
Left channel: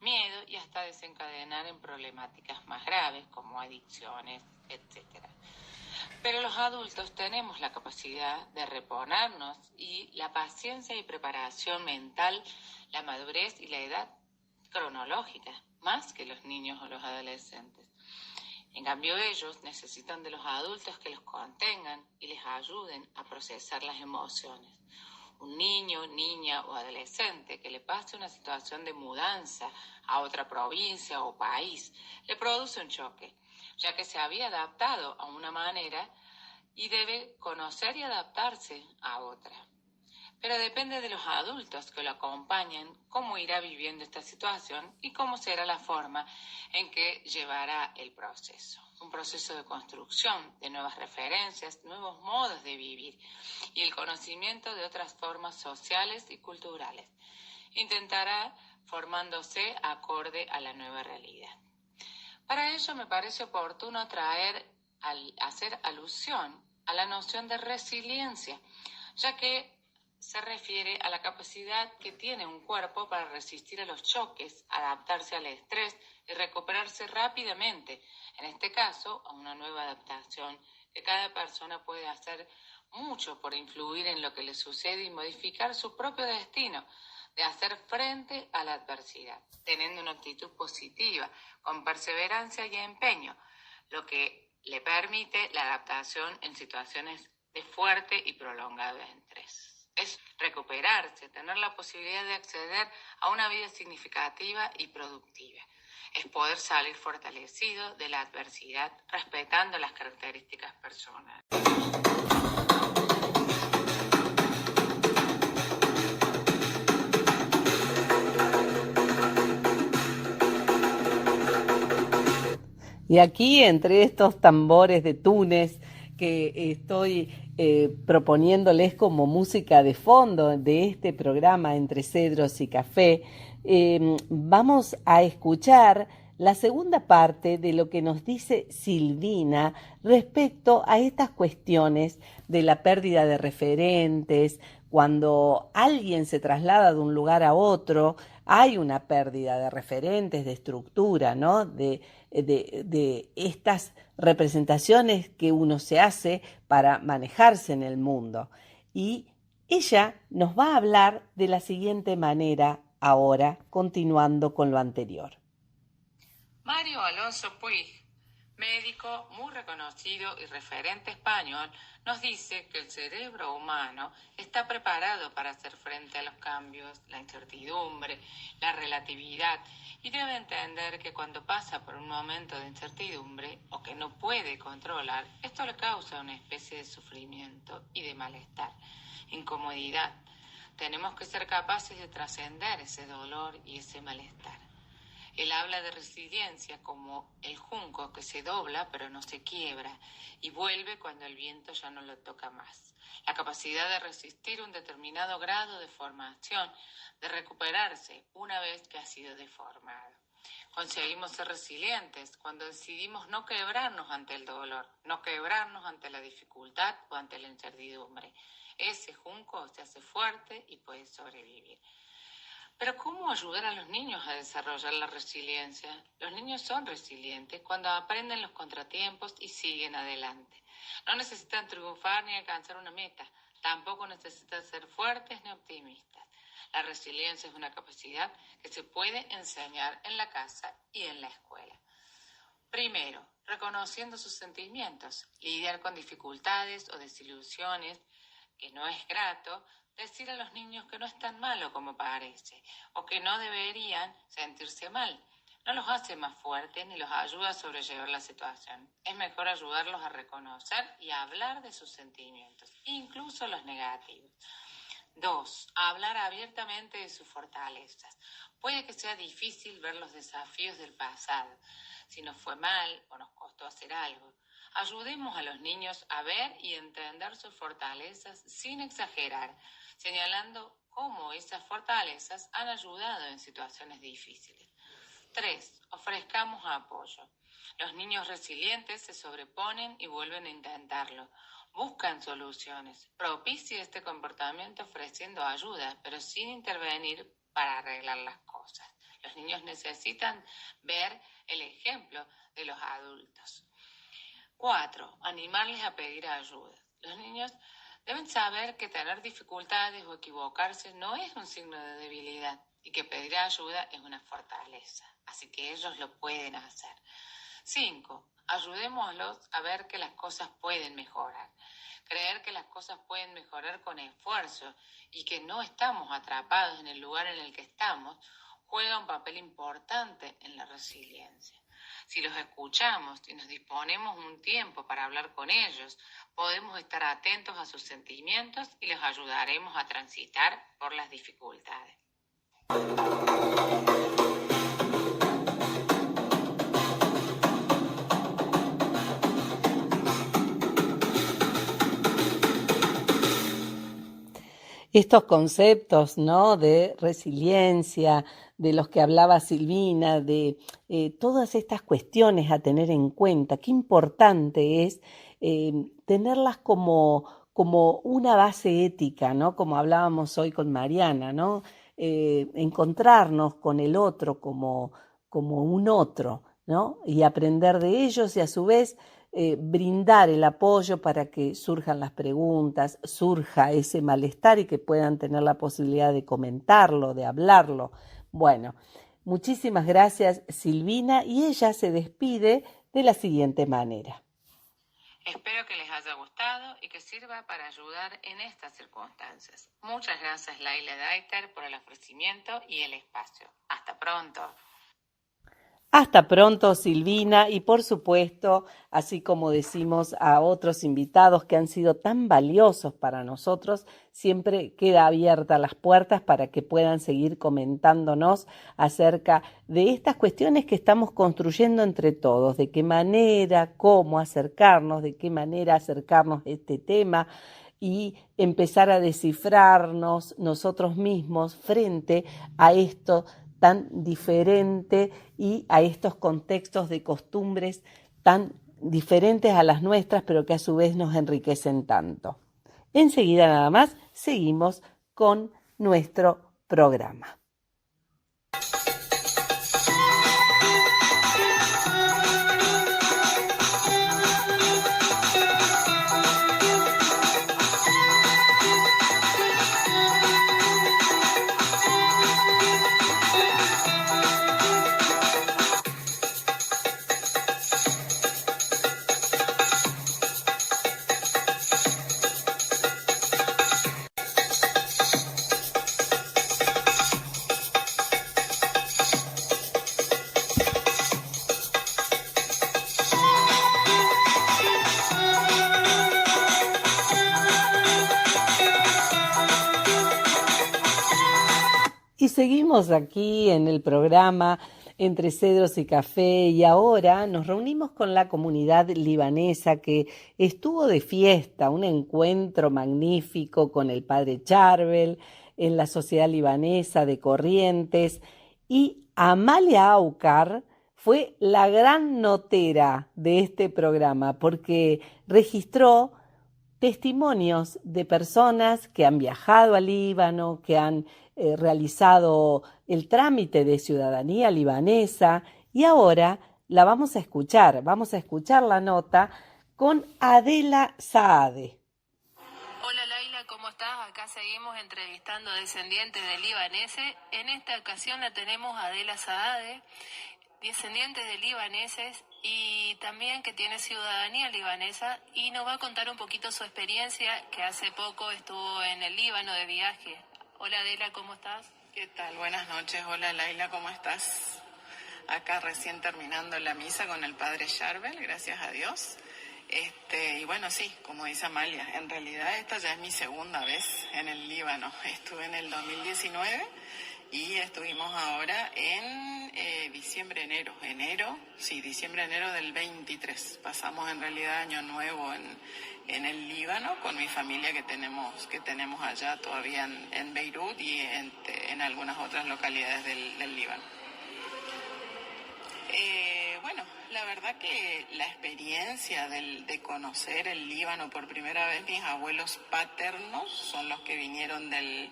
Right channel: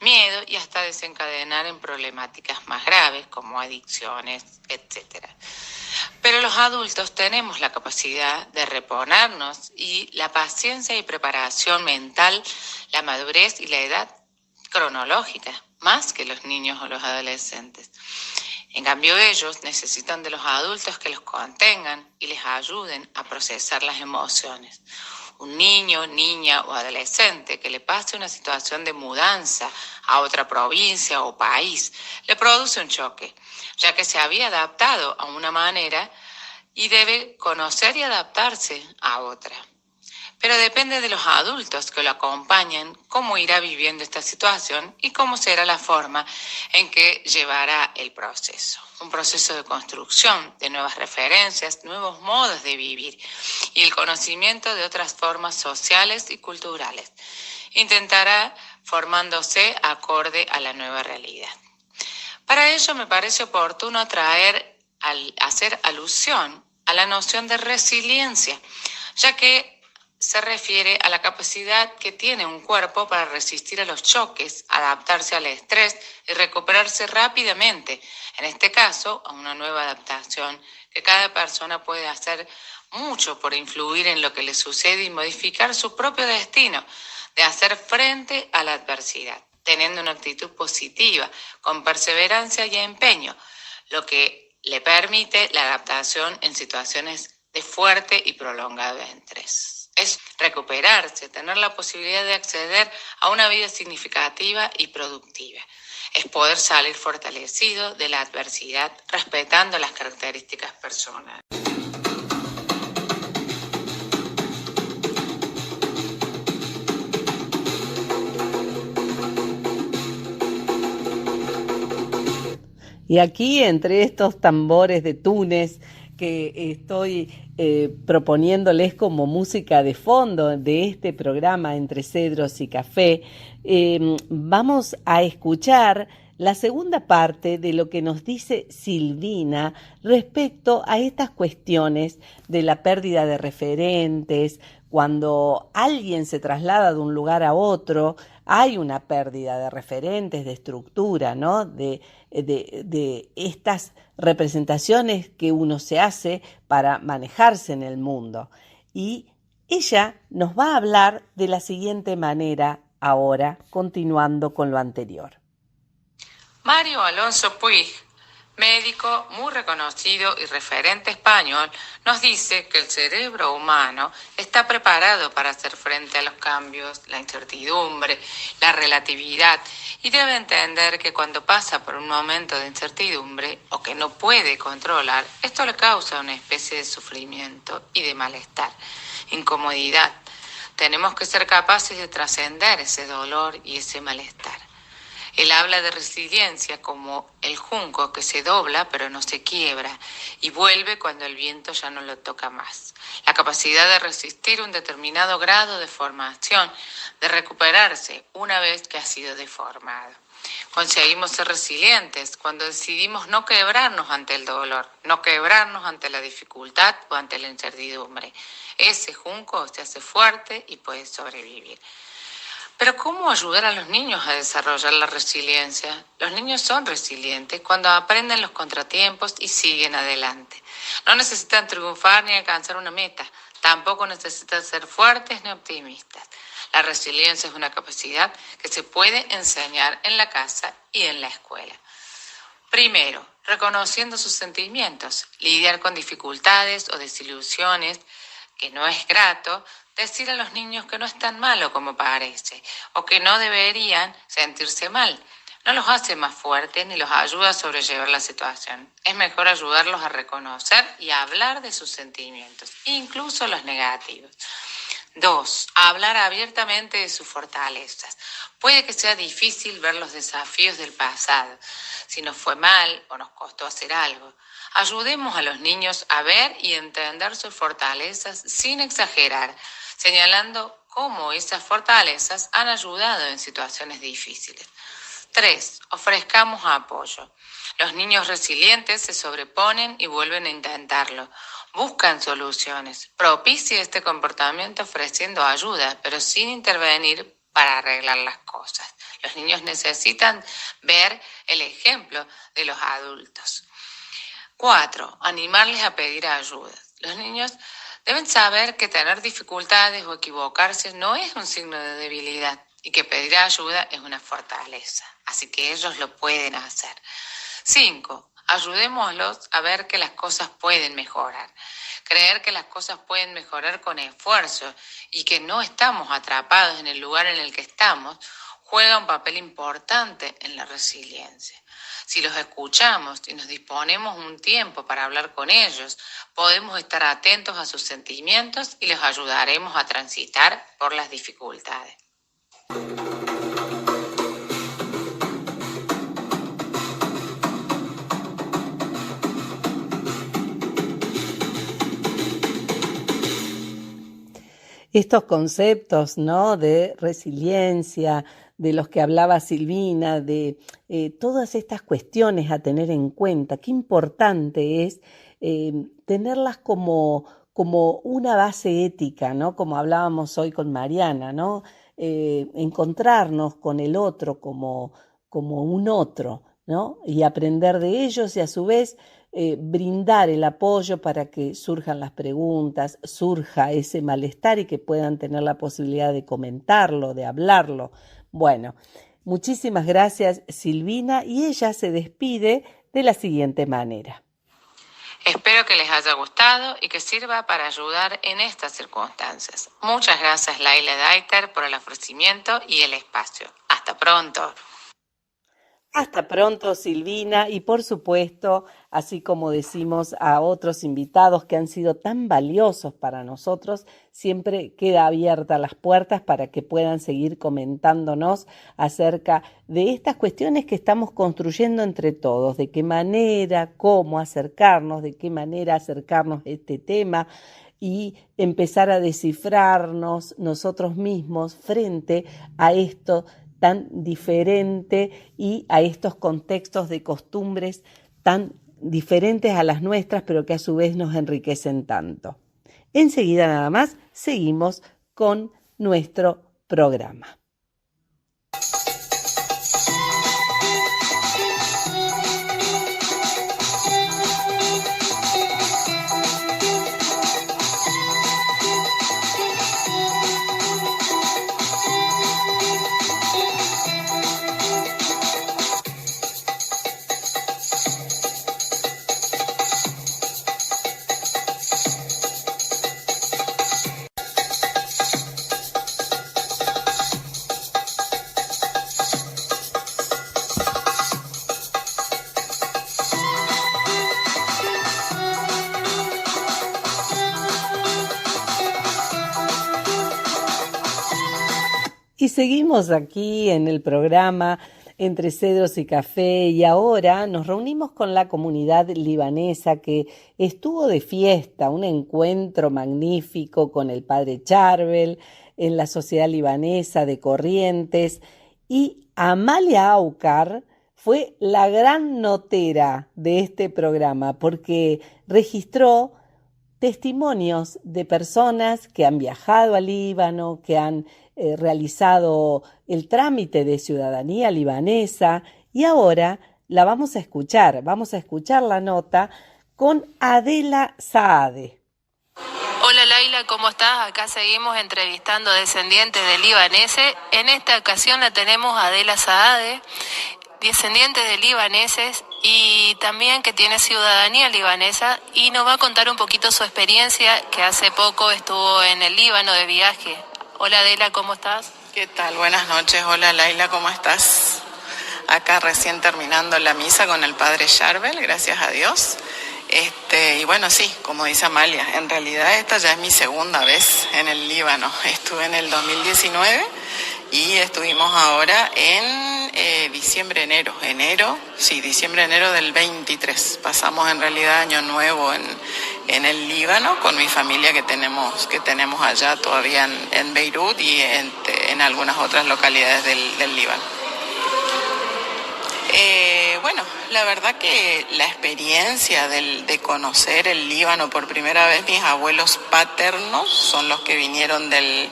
miedo y hasta desencadenar en problemáticas más graves como adicciones, etc. Pero los adultos tenemos la capacidad de reponernos y la paciencia y preparación mental, la madurez y la edad cronológica, más que los niños o los adolescentes. En cambio, ellos necesitan de los adultos que los contengan y les ayuden a procesar las emociones. Un niño, niña o adolescente que le pase una situación de mudanza a otra provincia o país le produce un choque, ya que se había adaptado a una manera y debe conocer y adaptarse a otra. Pero depende de los adultos que lo acompañen cómo irá viviendo esta situación y cómo será la forma en que llevará el proceso. Un proceso de construcción de nuevas referencias, nuevos modos de vivir y el conocimiento de otras formas sociales y culturales. Intentará formándose acorde a la nueva realidad. Para ello me parece oportuno hacer alusión a la noción de resiliencia, ya que se refiere a la capacidad que tiene un cuerpo para resistir a los choques, adaptarse al estrés y recuperarse rápidamente. En este caso, a una nueva adaptación que cada persona puede hacer mucho por influir en lo que le sucede y modificar su propio destino, de hacer frente a la adversidad, teniendo una actitud positiva, con perseverancia y empeño, lo que le permite la adaptación en situaciones de fuerte y prolongado estrés. Es recuperarse, tener la posibilidad de acceder a una vida significativa y productiva. Es poder salir fortalecido de la adversidad, respetando las características personales. Y aquí, entre estos tambores de Túnez que estoy proponiéndoles como música de fondo de este programa Entre Cedros y Café, vamos a escuchar la segunda parte de lo que nos dice Silvina respecto a estas cuestiones de la pérdida de referentes. Cuando alguien se traslada de un lugar a otro, hay una pérdida de referentes, de estructura, ¿no? De estas representaciones que uno se hace para manejarse en el mundo. Y ella nos va a hablar de la siguiente manera ahora, continuando con lo anterior. Mario Alonso Puig, médico muy reconocido y referente español, nos dice que el cerebro humano está preparado para hacer frente a los cambios, la incertidumbre, la relatividad, y debe entender que cuando pasa por un momento de incertidumbre o que no puede controlar, esto le causa una especie de sufrimiento y de malestar, incomodidad. Tenemos que ser capaces de trascender ese dolor y ese malestar. Él habla de resiliencia como el junco que se dobla pero no se quiebra y vuelve cuando el viento ya no lo toca más. La capacidad de resistir un determinado grado de formación, de recuperarse una vez que ha sido deformado. Conseguimos ser resilientes cuando decidimos no quebrarnos ante el dolor, no quebrarnos ante la dificultad o ante la incertidumbre. Ese junco se hace fuerte y puede sobrevivir. Pero ¿cómo ayudar a los niños a desarrollar la resiliencia? Los niños son resilientes cuando aprenden los contratiempos y siguen adelante. No necesitan triunfar ni alcanzar una meta. Tampoco necesitan ser fuertes ni optimistas. La resiliencia es una capacidad que se puede enseñar en la casa y en la escuela. Primero, reconociendo sus sentimientos, lidiar con dificultades o desilusiones, que no es grato, decir a los niños que no es tan malo como parece o que no deberían sentirse mal. No los hace más fuertes ni los ayuda a sobrellevar la situación. Es mejor ayudarlos a reconocer y a hablar de sus sentimientos, incluso los negativos. 2. Hablar abiertamente de sus fortalezas. Puede que sea difícil ver los desafíos del pasado, si nos fue mal o nos costó hacer algo. Ayudemos a los niños a ver y entender sus fortalezas sin exagerar, señalando cómo esas fortalezas han ayudado en situaciones difíciles. 3. Ofrezcamos apoyo. Los niños resilientes se sobreponen y vuelven a intentarlo. Buscan soluciones. Propicie este comportamiento ofreciendo ayuda, pero sin intervenir para arreglar las cosas. Los niños necesitan ver el ejemplo de los adultos. 4. Animarles a pedir ayuda. Los niños deben saber que tener dificultades o equivocarse no es un signo de debilidad y que pedir ayuda es una fortaleza. Así que ellos lo pueden hacer. 5. Ayudémoslos a ver que las cosas pueden mejorar. Creer que las cosas pueden mejorar con esfuerzo y que no estamos atrapados en el lugar en el que estamos, juega un papel importante en la resiliencia. Si los escuchamos y nos disponemos un tiempo para hablar con ellos, podemos estar atentos a sus sentimientos y los ayudaremos a transitar por las dificultades. Estos conceptos, ¿no?, de resiliencia, de los que hablaba Silvina, de todas estas cuestiones a tener en cuenta, qué importante es tenerlas como una base ética, ¿no?, como hablábamos hoy con Mariana, ¿no?, encontrarnos con el otro como un otro, ¿no?, y aprender de ellos y a su vez brindar el apoyo para que surjan las preguntas, surja ese malestar y que puedan tener la posibilidad de comentarlo, de hablarlo. Bueno, muchísimas gracias, Silvina, y ella se despide de la siguiente manera. Espero que les haya gustado y que sirva para ayudar en estas circunstancias. Muchas gracias, Laila Daiter, por el ofrecimiento y el espacio. Hasta pronto. Hasta pronto, Silvina, y por supuesto, así como decimos a otros invitados que han sido tan valiosos para nosotros, siempre queda abiertas las puertas para que puedan seguir comentándonos acerca de estas cuestiones que estamos construyendo entre todos, de qué manera, cómo acercarnos, de qué manera acercarnos a este tema y empezar a descifrarnos nosotros mismos frente a esto tan diferente y a estos contextos de costumbres tan diferentes a las nuestras, pero que a su vez nos enriquecen tanto. Enseguida nada más seguimos con nuestro programa. Y seguimos aquí en el programa Entre Cedros y Café y ahora nos reunimos con la comunidad libanesa que estuvo de fiesta, un encuentro magnífico con el padre Charbel en la Sociedad Libanesa de Corrientes y Amalia Aucar fue la gran notera de este programa porque registró testimonios de personas que han viajado al Líbano, que han realizado el trámite de ciudadanía libanesa y ahora la vamos a escuchar la nota con Adela Saade. Hola Laila, ¿cómo estás? Acá seguimos entrevistando descendientes de libaneses. En esta ocasión la tenemos a Adela Saade, descendiente de libaneses y también que tiene ciudadanía libanesa y nos va a contar un poquito su experiencia que hace poco estuvo en el Líbano de viaje. Hola Adela, ¿cómo estás? ¿Qué tal? Buenas noches. Hola Laila, ¿cómo estás? Acá recién terminando la misa con el padre Charbel, gracias a Dios. Y bueno, sí, como dice Amalia, en realidad esta ya es mi segunda vez en el Líbano. Estuve en el 2019 y estuvimos ahora en diciembre-enero del 23. Pasamos en realidad Año Nuevo en el Líbano con mi familia que tenemos allá todavía en Beirut y en algunas otras localidades del Líbano. Bueno, la verdad que la experiencia de conocer el Líbano por primera vez, mis abuelos paternos son los que vinieron del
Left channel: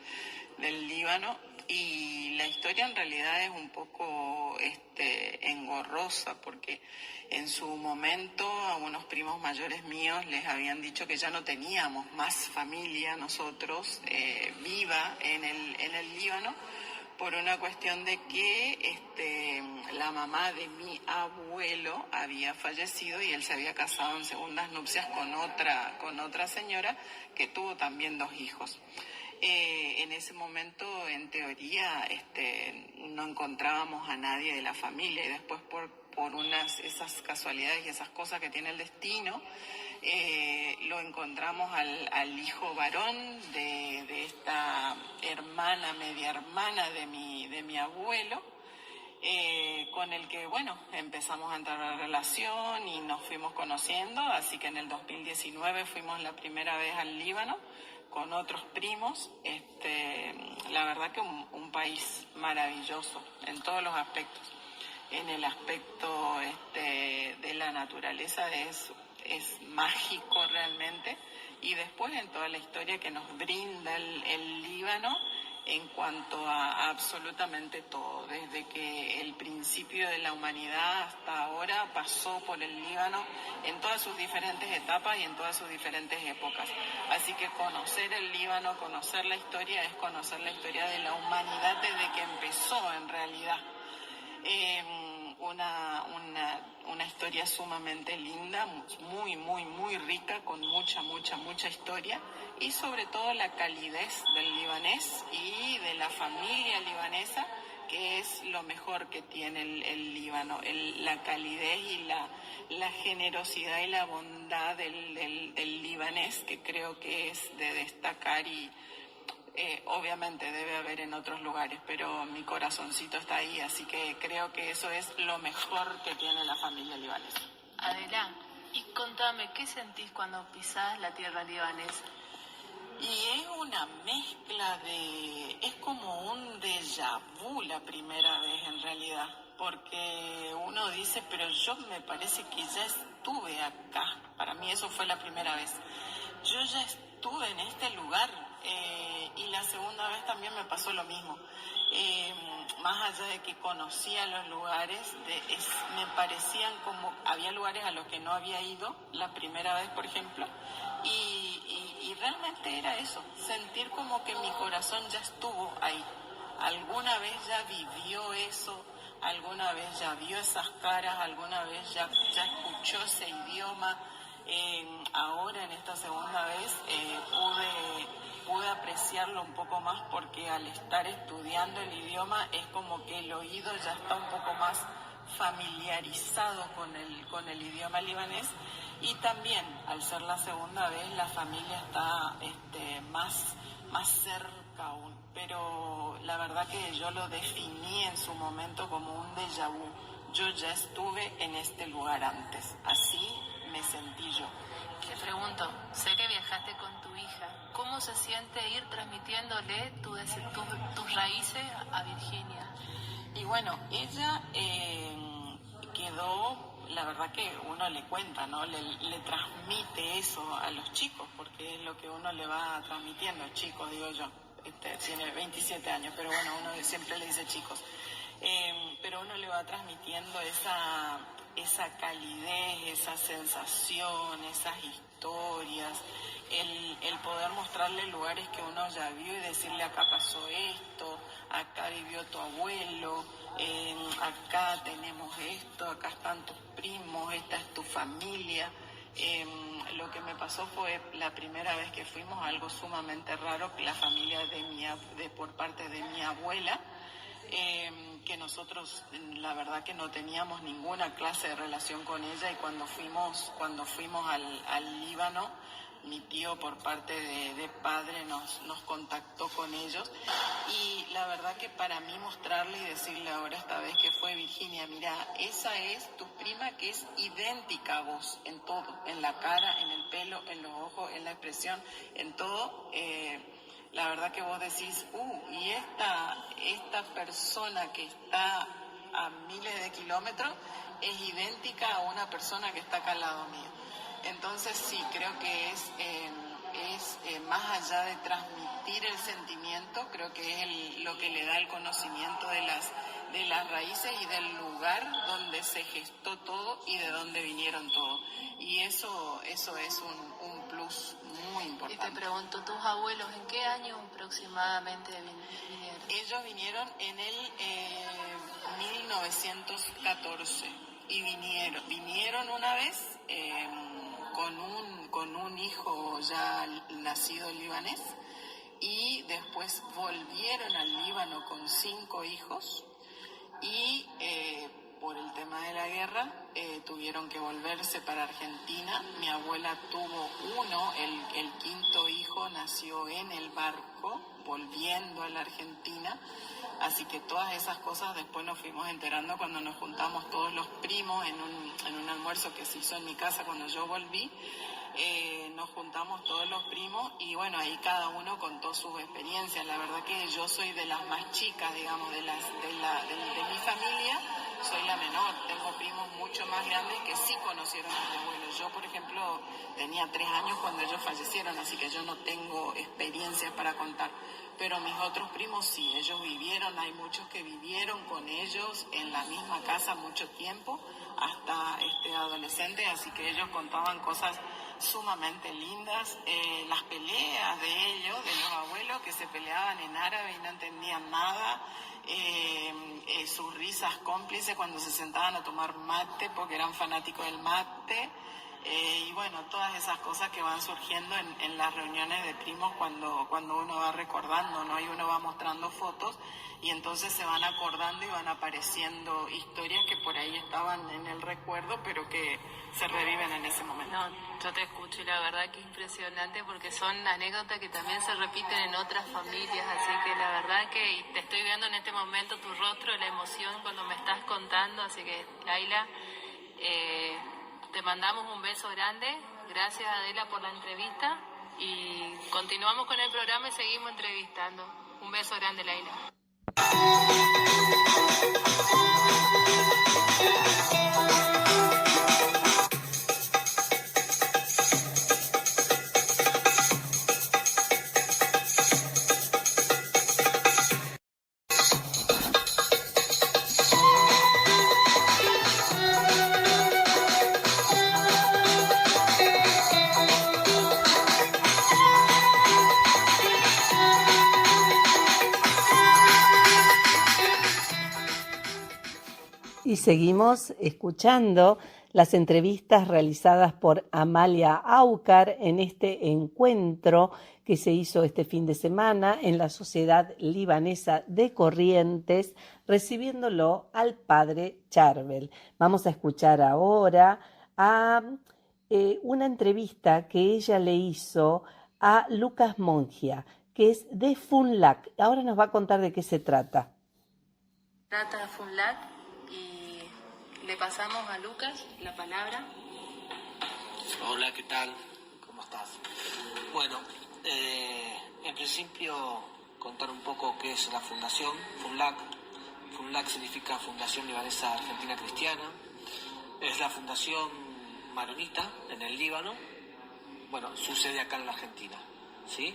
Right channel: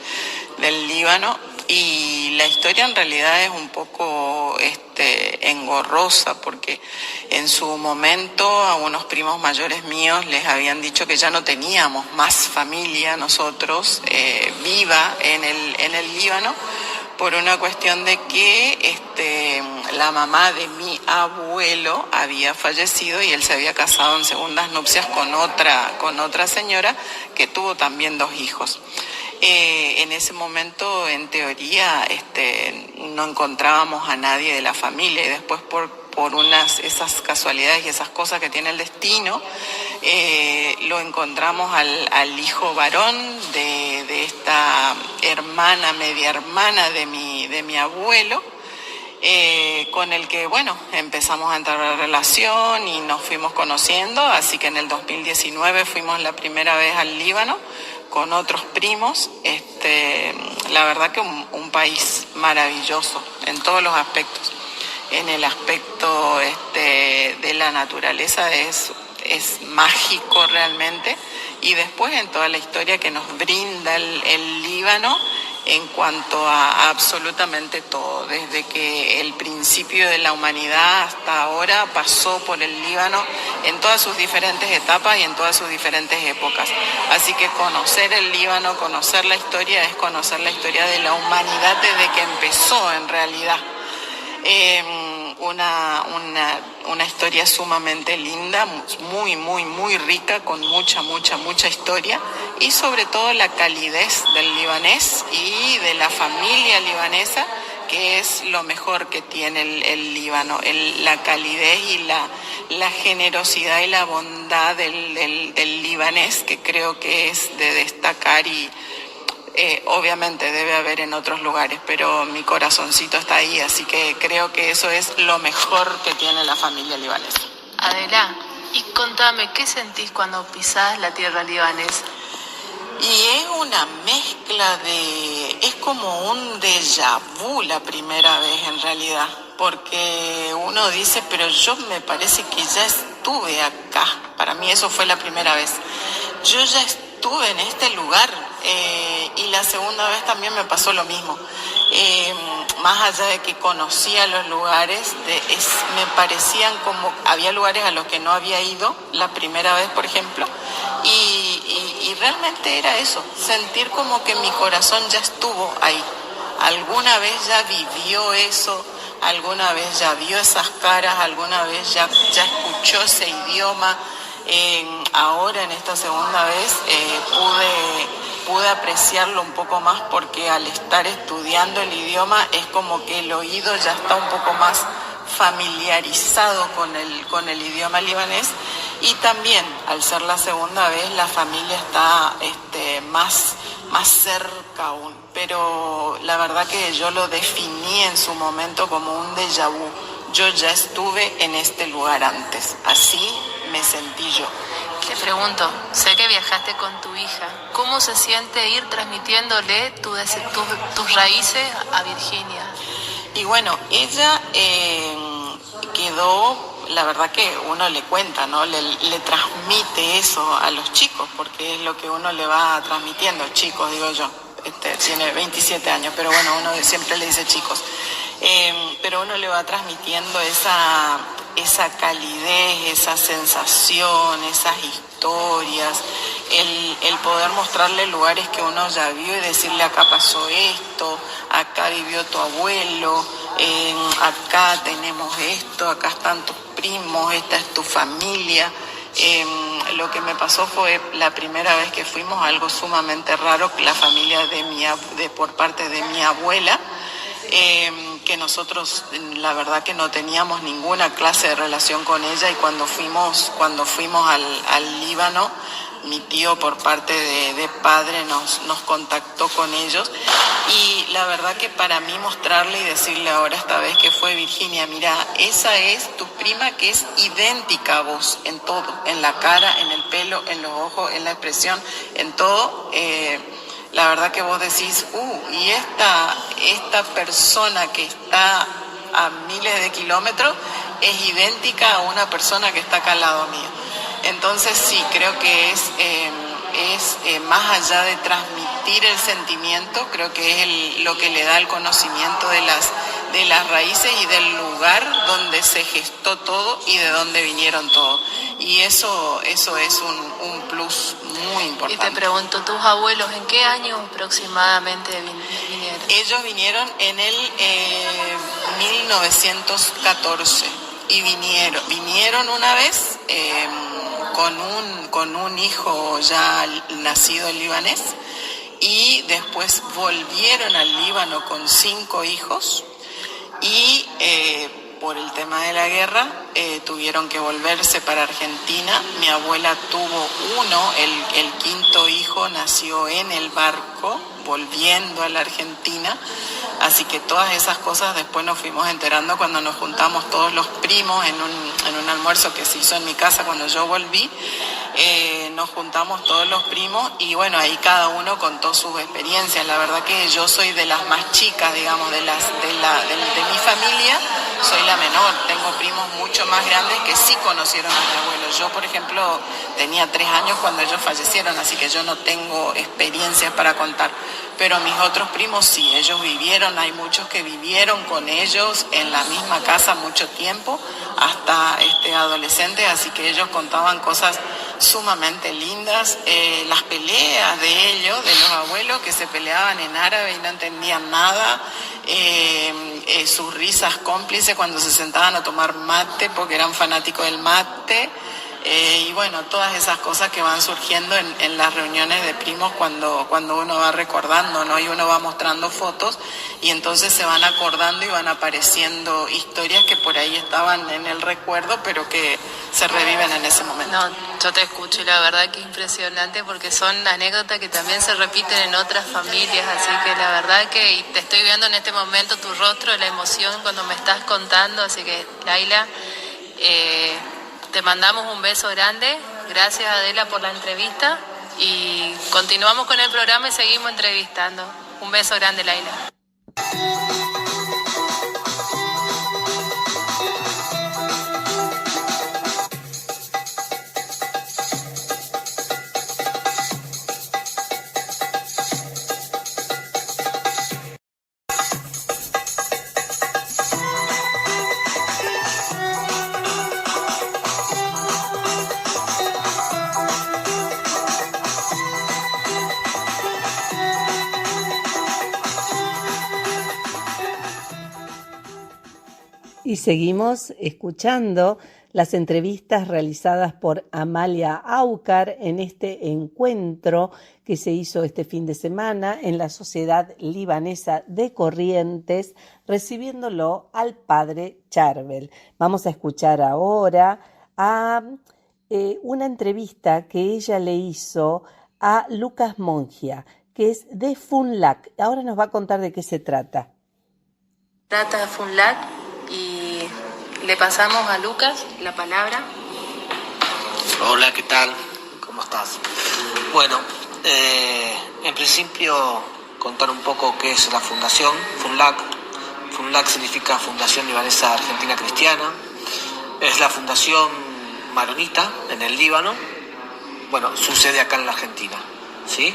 Líbano y la historia en realidad es un poco engorrosa porque en su momento a unos primos mayores míos les habían dicho que ya no teníamos más familia nosotros viva en el Líbano por una cuestión de que la mamá de mi abuelo había fallecido y él se había casado en segundas nupcias con otra señora que tuvo también 2 hijos. En ese momento, en teoría, no encontrábamos a nadie de la familia, y después por esas casualidades y esas cosas que tiene el destino, lo encontramos al hijo varón de esta hermana, media hermana de mi abuelo, con el que, bueno, empezamos a entrar en relación y nos fuimos conociendo, así que en el 2019 fuimos la primera vez al Líbano con otros primos. La verdad que un país maravilloso en todos los aspectos. En el aspecto de la naturaleza es mágico realmente, y después en toda la historia que nos brinda el Líbano en cuanto a absolutamente todo, desde que el principio de la humanidad hasta ahora pasó por el Líbano en todas sus diferentes etapas y en todas sus diferentes épocas. Así que conocer el Líbano, conocer la historia, es conocer la historia de la humanidad desde que empezó en realidad. Una historia sumamente linda, muy, muy, muy rica, con mucha historia, y sobre todo la calidez del libanés y de la familia libanesa, que es lo mejor que tiene el Líbano, la calidez y la generosidad y la bondad del libanés, que creo que es de destacar. Y obviamente debe haber en otros lugares, pero mi corazoncito está ahí, así que creo que eso es lo mejor que tiene la familia libanesa. Adela, y contame, ¿qué sentís cuando pisás la tierra libanesa? Y es una mezcla es como un déjà vu la primera vez en realidad, porque uno dice, pero yo me parece que ya estuve acá. Para mí eso fue la primera vez. Yo ya estuve en este lugar, y la segunda vez también me pasó lo mismo. Más allá de que conocía los lugares, me parecían como, había lugares a los que no había ido la primera vez, por ejemplo, y realmente era eso, sentir como que mi corazón ya estuvo ahí. Alguna vez ya vivió eso, alguna vez ya vio esas caras, alguna vez ya escuchó ese idioma. Ahora en esta segunda vez pude apreciarlo un poco más, porque al estar estudiando el idioma es como que el oído ya está un poco más familiarizado con el idioma libanés, y también al ser la segunda vez la familia está más cerca aún. Pero la verdad que yo lo definí en su momento como un déjà vu. Yo ya estuve en este lugar antes, así me sentí yo. Te pregunto, sé que viajaste con tu hija, ¿cómo se siente ir transmitiéndole tus raíces a Virginia? Y bueno, ella quedó, la verdad que uno le cuenta, ¿no? Le transmite eso a los chicos, porque es lo que uno le va transmitiendo, chicos, digo yo. Tiene 27 años, pero bueno, uno siempre le dice chicos. Pero uno le va transmitiendo esa calidez, esa sensación, esas historias, el poder mostrarle lugares que uno ya vio y decirle, acá pasó esto, acá vivió tu abuelo, acá tenemos esto, acá están tus primos, esta es tu familia. Lo que me pasó fue la primera vez que fuimos, algo sumamente raro, la familia por parte de mi abuela, que nosotros la verdad que no teníamos ninguna clase de relación con ella, y cuando fuimos al Líbano, mi tío por parte de padre nos contactó con ellos, y la verdad que para mí mostrarle y decirle ahora esta vez que fue Virginia, mira, esa es tu prima que es idéntica a vos en todo, en la cara, en el pelo, en los ojos, en la expresión, en todo. La verdad que vos decís, y esta persona que está a miles de kilómetros es idéntica a una persona que está acá al lado mío. Entonces sí, creo que es más allá de transmitir el sentimiento, creo que es lo que le da el conocimiento de las raíces y del lugar donde se gestó todo y de dónde vinieron todos. Y eso es un plus muy importante. Y te pregunto, ¿tus abuelos en qué año aproximadamente vinieron? Ellos vinieron en el 1914 y vinieron una vez con un hijo ya nacido libanés, y después volvieron al Líbano con 5 hijos y por el tema de la guerra tuvieron que volverse para Argentina. Mi abuela tuvo uno, el 5.º hijo nació en el barco volviendo a la Argentina, así que todas esas cosas después nos fuimos enterando cuando nos juntamos todos los primos en un almuerzo que se hizo en mi casa cuando yo volví. Nos juntamos todos los primos y bueno, ahí cada uno contó sus experiencias. La verdad que yo soy de las más chicas, digamos, de mi familia, soy la menor. Tengo primos mucho más grandes que sí conocieron a mi abuelo. Yo, por ejemplo, tenía 3 años cuando ellos fallecieron, así que yo no tengo experiencias para contar. Pero mis otros primos sí, ellos vivieron, hay muchos que vivieron con ellos en la misma casa mucho tiempo, hasta adolescentes, así que ellos contaban cosas sumamente lindas, las peleas de ellos, de los abuelos que se peleaban en árabe y no entendían nada, sus risas cómplices cuando se sentaban a tomar mate porque eran fanáticos del mate, y bueno, todas esas cosas que van surgiendo en las reuniones de primos cuando uno va recordando, ¿no? Y uno va mostrando fotos y entonces se van acordando y van apareciendo historias que por ahí estaban en el recuerdo pero que se reviven en ese momento. No, yo te escucho y la verdad que es impresionante porque son anécdotas que también se repiten en otras familias, así que la verdad que te estoy viendo en este momento tu rostro, la emoción cuando me estás contando, así que Laila, te mandamos un beso grande, gracias Adela por la entrevista y continuamos con el programa y seguimos entrevistando. Un beso grande, Laila. Y seguimos escuchando las entrevistas realizadas por Amalia Aucar en este encuentro que se hizo este fin de semana en la Sociedad Libanesa de Corrientes, recibiéndolo al padre Charbel. Vamos a escuchar ahora a una entrevista que ella le hizo a Lucas Mongia, que es de Funlac. Ahora nos va a contar de qué se trata. Trata de Funlac y le pasamos a Lucas la palabra. Hola, ¿qué tal? ¿Cómo estás? Bueno, en principio contar un poco qué es la fundación Funlac. Funlac significa Fundación Libanesa Argentina Cristiana. Es la fundación maronita en el Líbano. Bueno, sucede acá en la Argentina, ¿sí?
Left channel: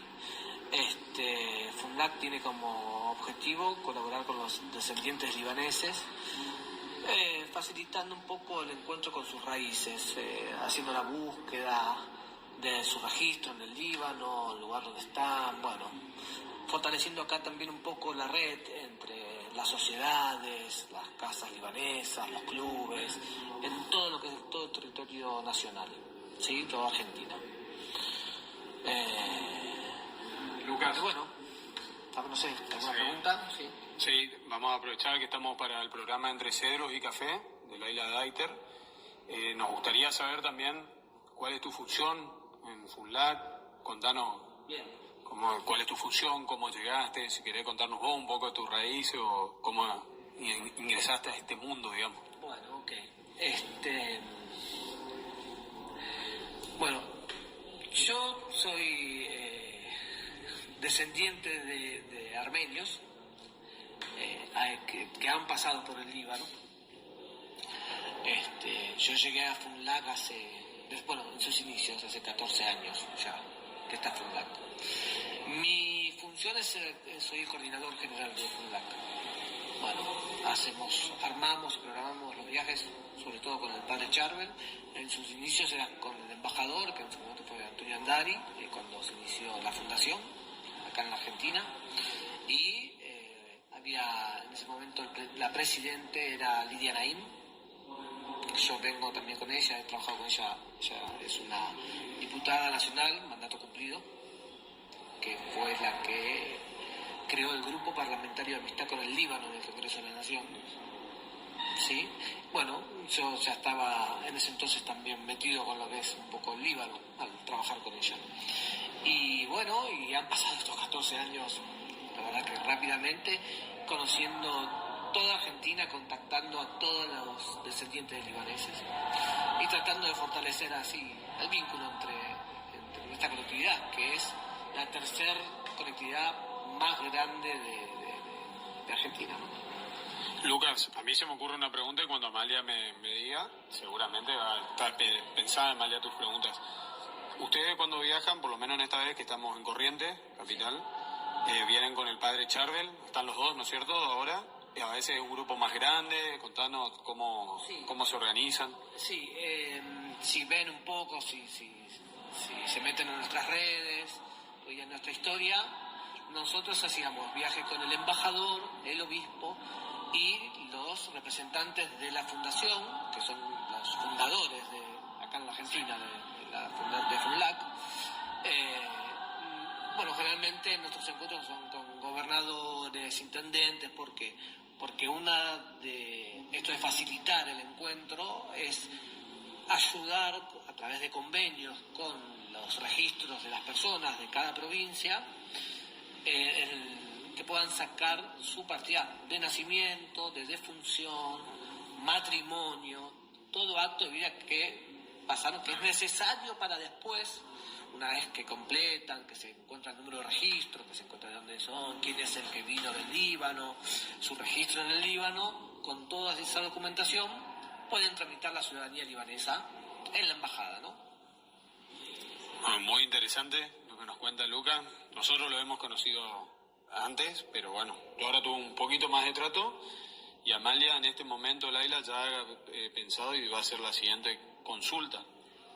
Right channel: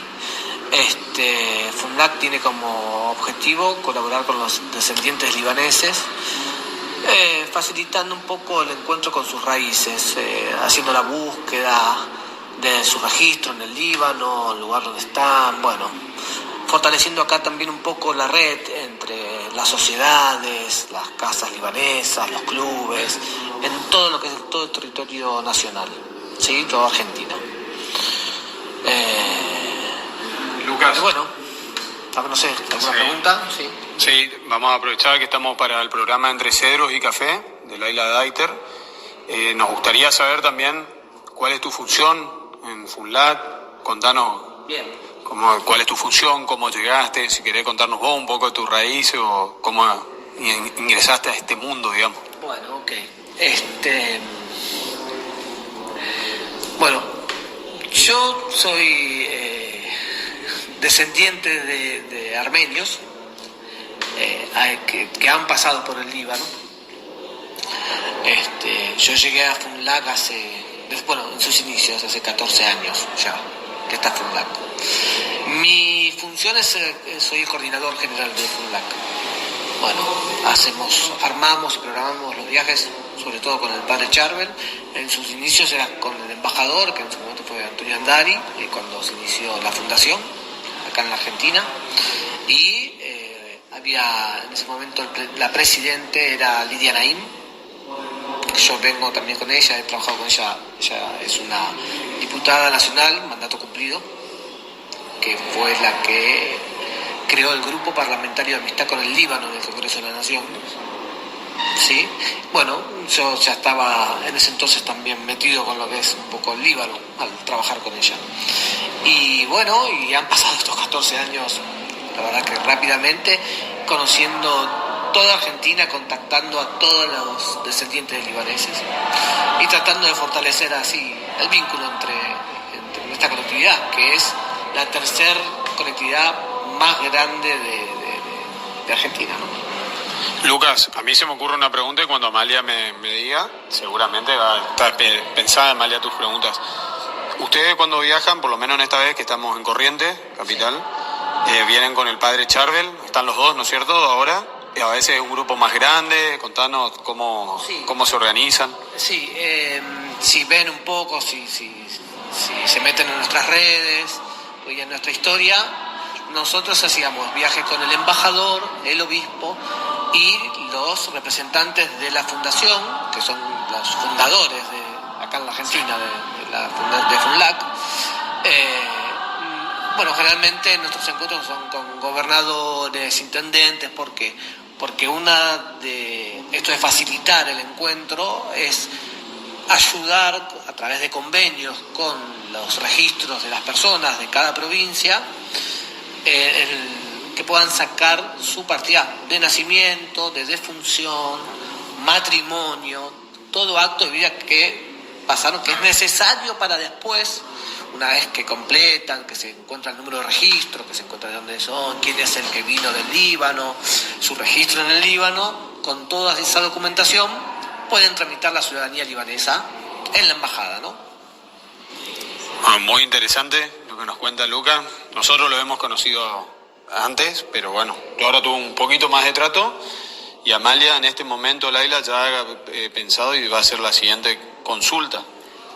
Funlac tiene como objetivo colaborar con los descendientes libaneses, facilitando un poco el encuentro con sus raíces, haciendo la búsqueda de su registro en el Líbano, el lugar donde están, bueno, fortaleciendo acá también un poco la red entre las sociedades, las casas libanesas, los clubes, en todo lo que es todo el territorio nacional, ¿sí? Toda Argentina. Lucas. Bueno, no sé, ¿alguna pregunta? Sí. Sí, vamos a aprovechar que estamos para el programa Entre Cedros y Café de Laila Daiter. Nos gustaría saber también cuál es tu función en Funlac. Contanos Bien. Cuál es tu función, cómo llegaste, si querés contarnos vos un poco de tu raíz o cómo ingresaste a este mundo, digamos. Bueno, ok. Bueno, yo soy descendiente de armenios que han pasado por el Líbano. Yo llegué a Funlac en sus inicios, hace 14 años ya, que está Funlac. Mi función es, soy el coordinador general de Funlac. Bueno, armamos y programamos los viajes, sobre todo con el padre Charbel. En sus inicios era con el embajador, que en su momento fue Antonio Andari, cuando se inició la fundación, acá en la Argentina. Y había, en ese momento, la presidente era Lidia Naim. Yo vengo también con ella, he trabajado con ella. Ella es una diputada nacional, mandato cumplido. que fue la que creó el Grupo Parlamentario de Amistad con el Líbano en el Congreso de la Nación. ¿Sí? Bueno, yo ya estaba en ese entonces también metido con lo que es un poco el Líbano al trabajar con ella. Y bueno, y han pasado estos 14 años, la verdad que rápidamente, conociendo toda Argentina, contactando a todos los descendientes de libaneses y tratando de fortalecer así el vínculo entre esta colectividad, que es la tercera colectividad más grande de Argentina, ¿no? Lucas, a mí se me ocurre una pregunta y cuando Amalia me diga, seguramente va a estar pensada, Amalia, tus preguntas. Ustedes cuando viajan, por lo menos en esta vez que estamos en Corrientes, capital, vienen con el padre Charbel, están los dos, ¿no es cierto?, ahora. A veces es un grupo más grande, contanos cómo se organizan. Sí, si ven un poco, si se meten en nuestras redes y en nuestra historia, nosotros hacíamos viajes con el embajador, el obispo y los representantes de la fundación, que son los fundadores acá en la Argentina de FUNLAC. Bueno, generalmente nuestros encuentros son con gobernadores, intendentes, porque esto de facilitar el encuentro es ayudar a través de convenios con los registros de las personas de cada provincia, que puedan sacar su partida de nacimiento, de defunción, matrimonio, todo acto de vida que pasaron, que es necesario para después, una vez que completan, que se encuentra el número de registro, que se encuentra de dónde son, quién es el que vino del Líbano, su registro en el Líbano, con toda esa documentación pueden tramitar la ciudadanía libanesa en la embajada, ¿no? Bueno, muy interesante lo que nos cuenta Luca. Nosotros lo hemos conocido antes, pero bueno, yo ahora tuve un poquito más de trato y Amalia en este momento, Laila, ya ha pensado y va a hacer la siguiente consulta.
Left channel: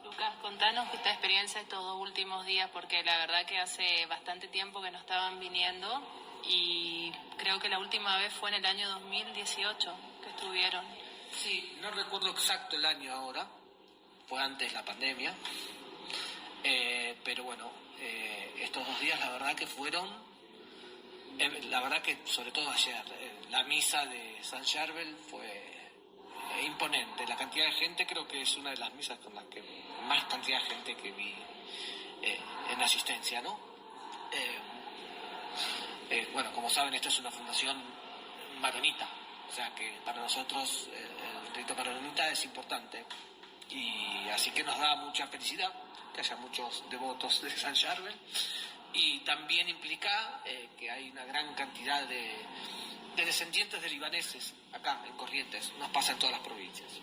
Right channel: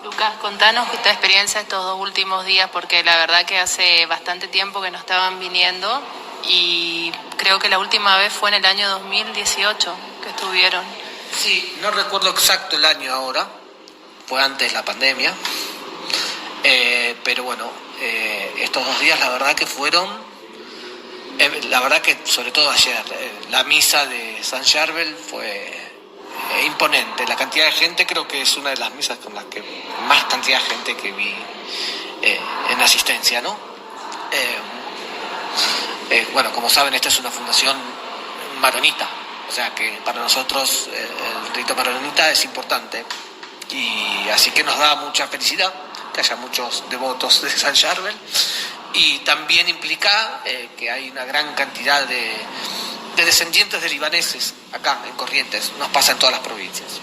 Lucas, contanos esta experiencia estos 2 últimos días, porque la verdad que hace bastante tiempo que no estaban viniendo y creo que la última vez fue en el año 2018 que estuvieron. Sí, no recuerdo exacto el año ahora, fue antes de la pandemia, pero bueno, estos 2 días la verdad que fueron, la verdad que sobre todo ayer, la misa de San Charbel fue imponente. La cantidad de gente creo que es una de las misas con las que más cantidad de gente que vi en asistencia, ¿no? Bueno, como saben, esta es una fundación maronita, o sea que para nosotros el rito maronita es importante y así que nos da mucha felicidad que haya muchos devotos de San Charbel y también implica que hay una gran cantidad de descendientes de libaneses acá en Corrientes, nos pasa en todas las provincias.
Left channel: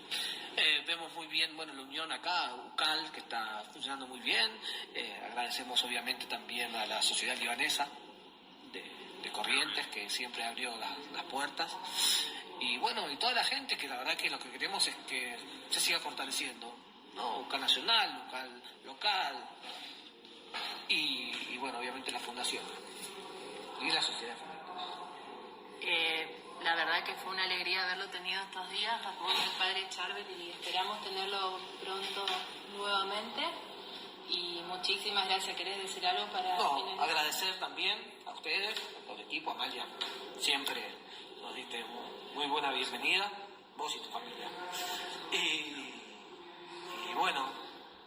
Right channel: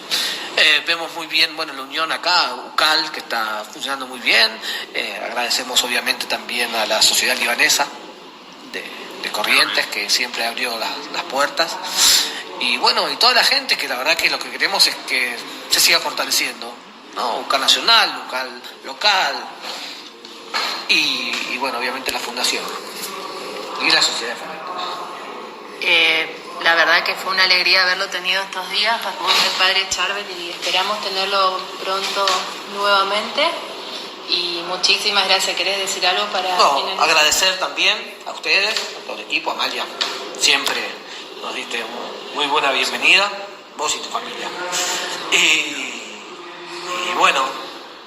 Vemos muy bien, bueno, la unión acá, UCAL, que está funcionando muy bien. Agradecemos obviamente también a la sociedad libanesa de Corrientes, que siempre abrió las puertas. Y bueno, y toda la gente, que la verdad que lo que queremos es que se siga fortaleciendo, ¿no? UCAL nacional, UCAL local y bueno, obviamente la fundación y la sociedad de fomento. La verdad que fue una alegría haberlo tenido estos días con el padre Charbel y esperamos tenerlo pronto nuevamente. Y muchísimas gracias. ¿Querés decir algo para...? No, agradecer también a ustedes, a todo el equipo, Amalia. Siempre nos diste muy buena bienvenida, vos y tu familia. Y bueno,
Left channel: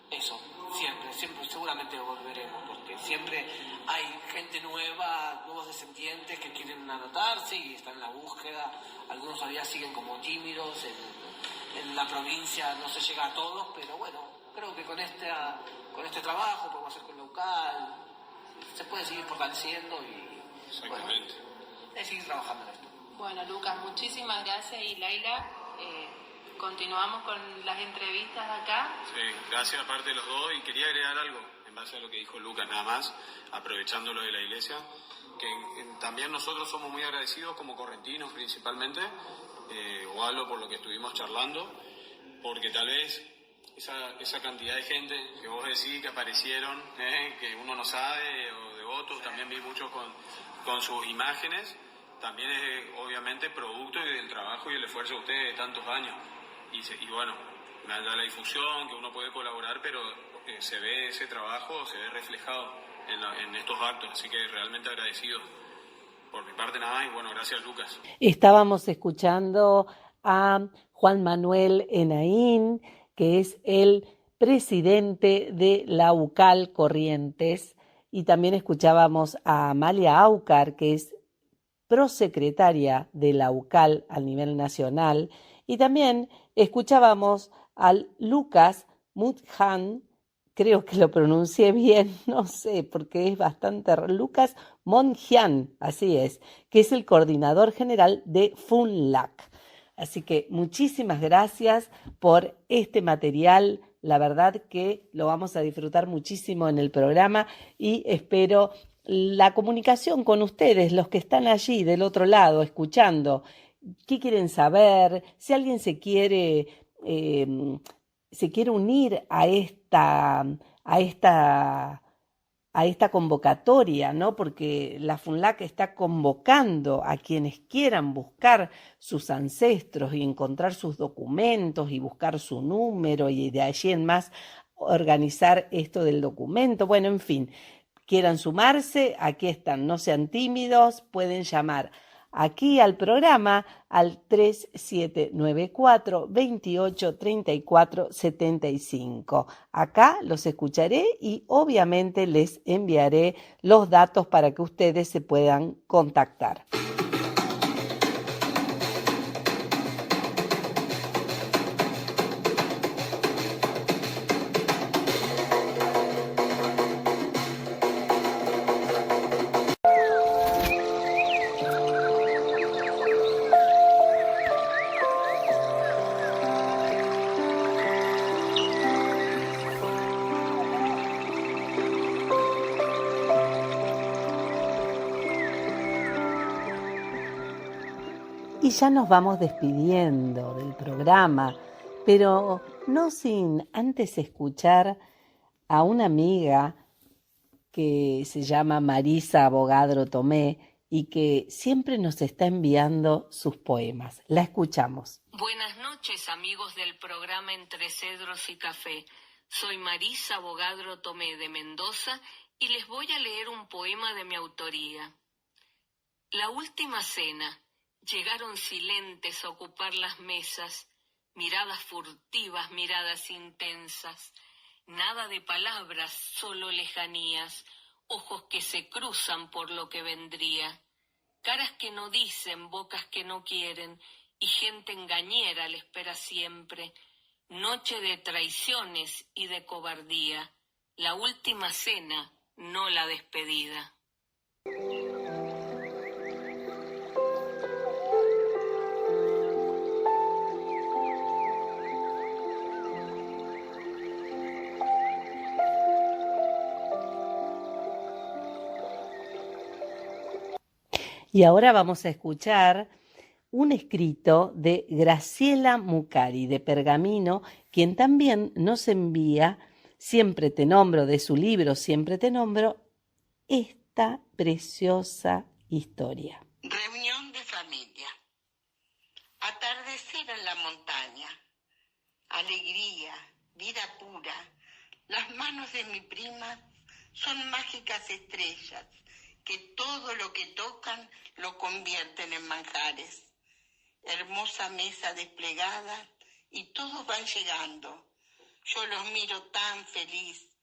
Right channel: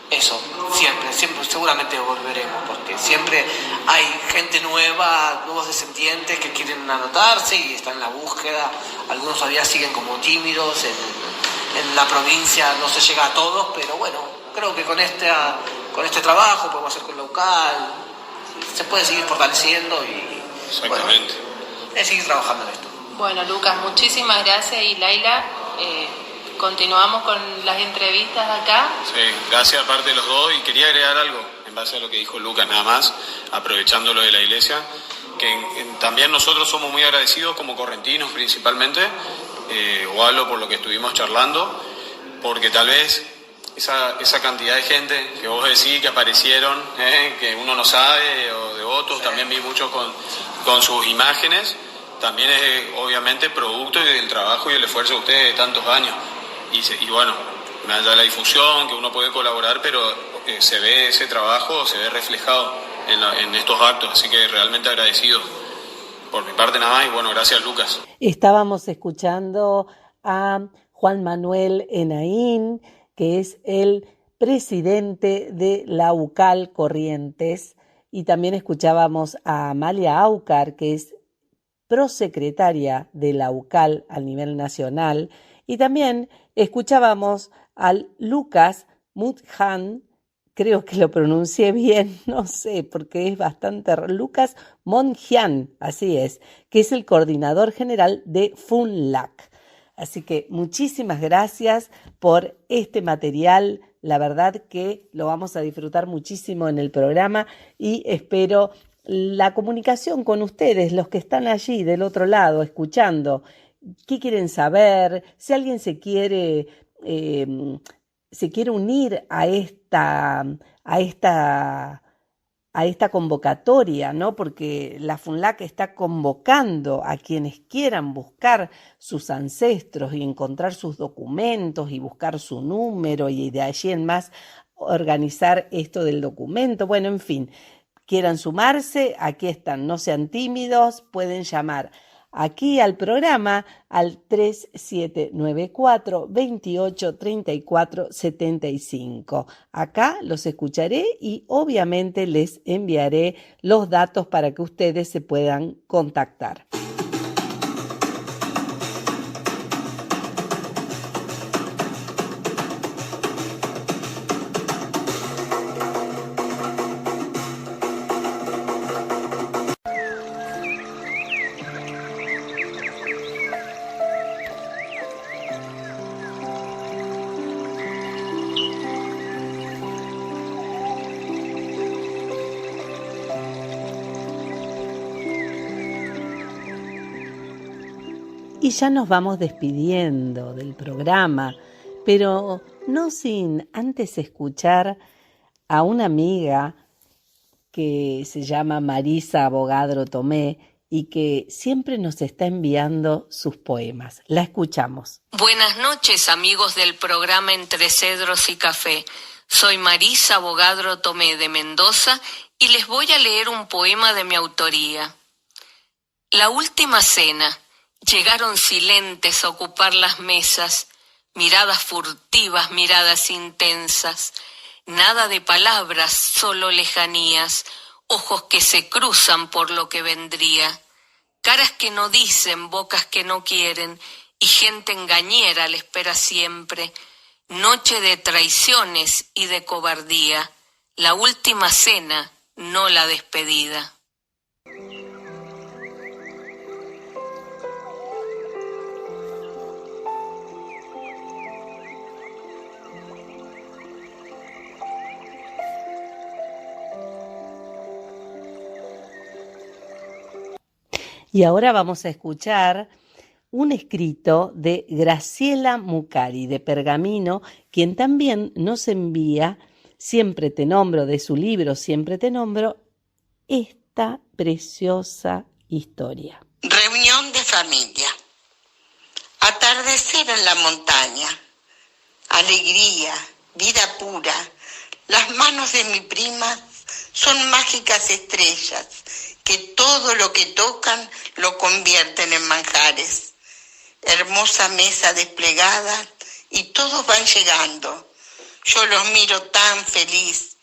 eso, siempre, seguramente volveremos, porque siempre hay gente nueva, nuevos descendientes que quieren anotarse y están en la búsqueda. Algunos todavía siguen como tímidos, en la provincia no se llega a todos, pero bueno, creo que con este trabajo podemos hacer con local, se puede seguir fortaleciendo y exactamente. Bueno, seguir trabajando en esto. Bueno, Lucas, muchísimas gracias y Laila, continuamos con las entrevistas acá. Sí, gracias aparte de los dos y quería agregar algo en base a lo que dijo Lucas nada más, aprovechando lo de la iglesia, que también nosotros somos muy agradecidos como correntinos principalmente, o hablo por lo que estuvimos charlando, porque tal vez esa cantidad de gente que vos decís que aparecieron, que uno no sabe, o devotos, sí. También vi muchos con sus imágenes, también es obviamente producto del trabajo y el esfuerzo de ustedes de tantos años. Y bueno, más allá de la difusión, que uno puede colaborar, pero se ve ese trabajo, se ve reflejado en estos actos, así que realmente agradecido. Por mi parte nada más y bueno, gracias Lucas. Estábamos escuchando a Juan Manuel Enaín, que es el presidente de la UCAL Corrientes, y también escuchábamos a Amalia Aucar, que es prosecretaria de la UCAL a nivel nacional, y también escuchábamos al Lucas Mutjan, creo que lo pronuncié bien, no sé, porque es bastante... Lucas Monjian, así es, que es el coordinador general de FUNLAC. Así que muchísimas gracias por este material, la verdad que lo vamos a disfrutar muchísimo en el programa y espero la comunicación con ustedes, los que están allí del otro lado, escuchando. ¿Qué quieren saber? Si alguien se quiere unir a esta convocatoria, ¿no? Porque la FUNLAC está convocando a quienes quieran buscar sus ancestros y encontrar sus documentos y buscar su número y de allí en más organizar esto del documento. Bueno, en fin, quieran sumarse, aquí están, no sean tímidos, pueden llamar aquí al programa al 3794 28 34 75. Acá los escucharé y obviamente les enviaré los datos para que ustedes se puedan contactar. Y ya nos vamos despidiendo del programa, pero no sin antes escuchar a una amiga que se llama Marisa Abogadro Tomé y que siempre nos está enviando sus poemas. La escuchamos. Buenas noches, amigos del programa Entre Cedros y Café. Soy Marisa Abogadro Tomé de Mendoza y les voy a leer un poema de mi autoría. La última cena. Llegaron silentes a ocupar las mesas, miradas furtivas, miradas intensas, nada de palabras, solo lejanías, ojos que se cruzan por lo que vendría, caras que no dicen, bocas que no quieren, y gente engañera le espera siempre, noche de traiciones y de cobardía, la última cena, no la despedida. Y ahora vamos a escuchar un escrito de Graciela Mucari, de Pergamino, quien también nos envía, Siempre te nombro, de su libro Siempre te nombro, esta preciosa historia. Reunión de familia. Atardecer en la montaña. Alegría, vida pura. Las manos de mi prima son mágicas estrellas que todo lo que tocan lo convierten en manjares. Hermosa mesa desplegada y todos van llegando. Yo los miro tan feliz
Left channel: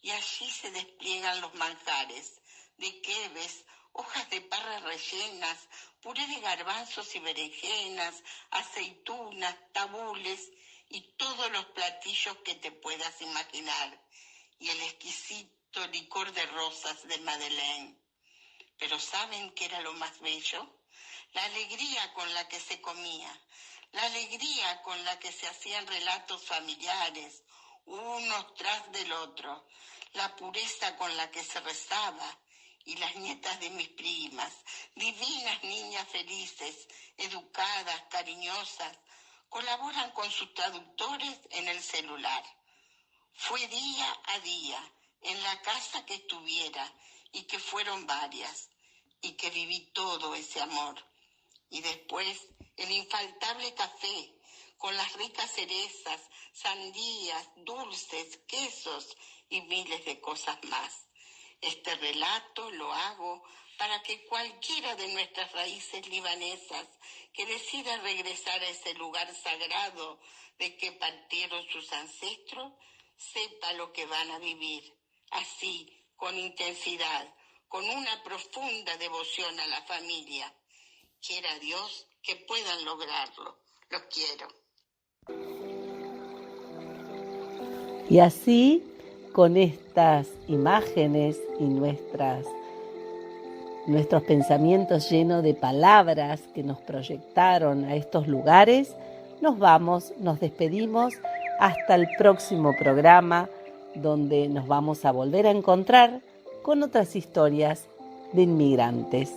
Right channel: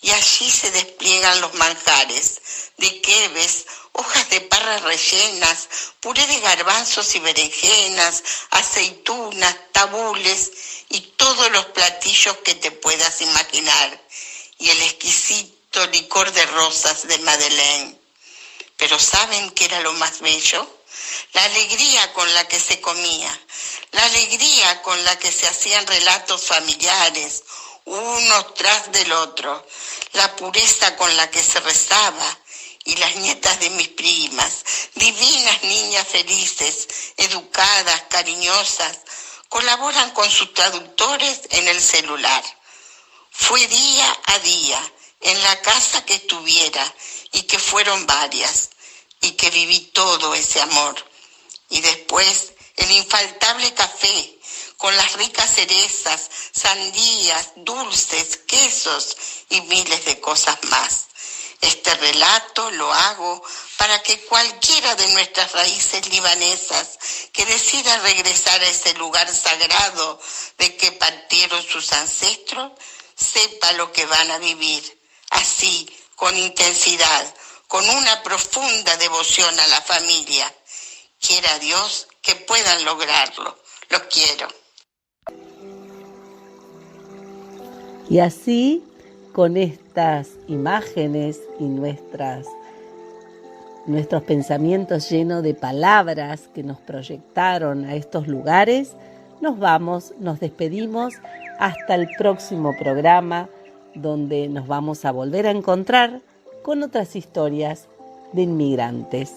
y allí se despliegan los manjares de queves, hojas de parra rellenas, puré de garbanzos y berenjenas, aceitunas, tabules y todos los platillos que te puedas imaginar y el exquisito licor de rosas de Madeleine. Pero ¿saben qué era lo más bello? La alegría con la que se comía, la alegría con la que se hacían relatos familiares, uno tras del otro, la pureza con la que se rezaba, y las nietas de mis primas, divinas niñas felices, educadas, cariñosas, colaboran con sus traductores en el celular. Fue día a día, en la casa que estuviera, y que fueron varias, y que viví todo ese amor. Y después el infaltable café, con las ricas cerezas, sandías, dulces, quesos y miles de cosas más. Este relato lo hago para que cualquiera de nuestras raíces libanesas que decida regresar a ese lugar sagrado de que partieron sus ancestros, sepa lo que van a vivir, así, con intensidad, con una profunda devoción a la familia. Quiera Dios que puedan lograrlo. Los quiero. Y así, con estas imágenes y nuestros pensamientos llenos de palabras que nos proyectaron a estos lugares, nos despedimos hasta el próximo programa, donde nos vamos a volver a encontrar con otras historias de inmigrantes.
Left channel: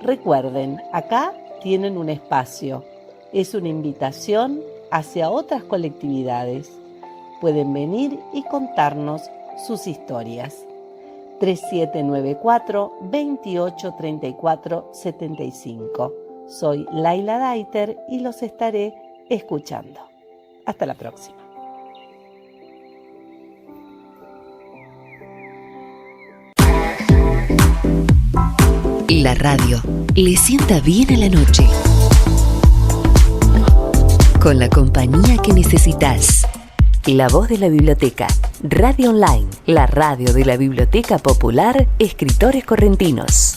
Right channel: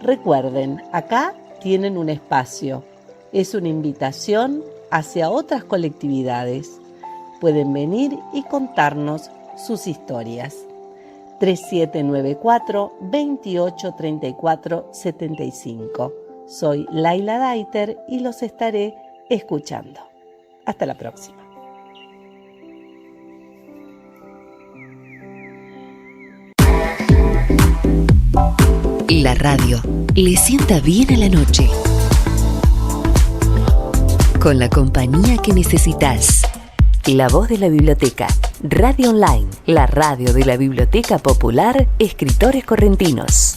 Recuerden, acá tienen un espacio, es una invitación hacia otras colectividades. Pueden venir y contarnos sus historias. 3794-2834-75. Soy Laila Daiter y los estaré escuchando. Hasta la próxima. La radio le sienta bien a la noche. Con la compañía que necesitas. La voz de la biblioteca. Radio Online, la radio de la Biblioteca Popular Escritores Correntinos.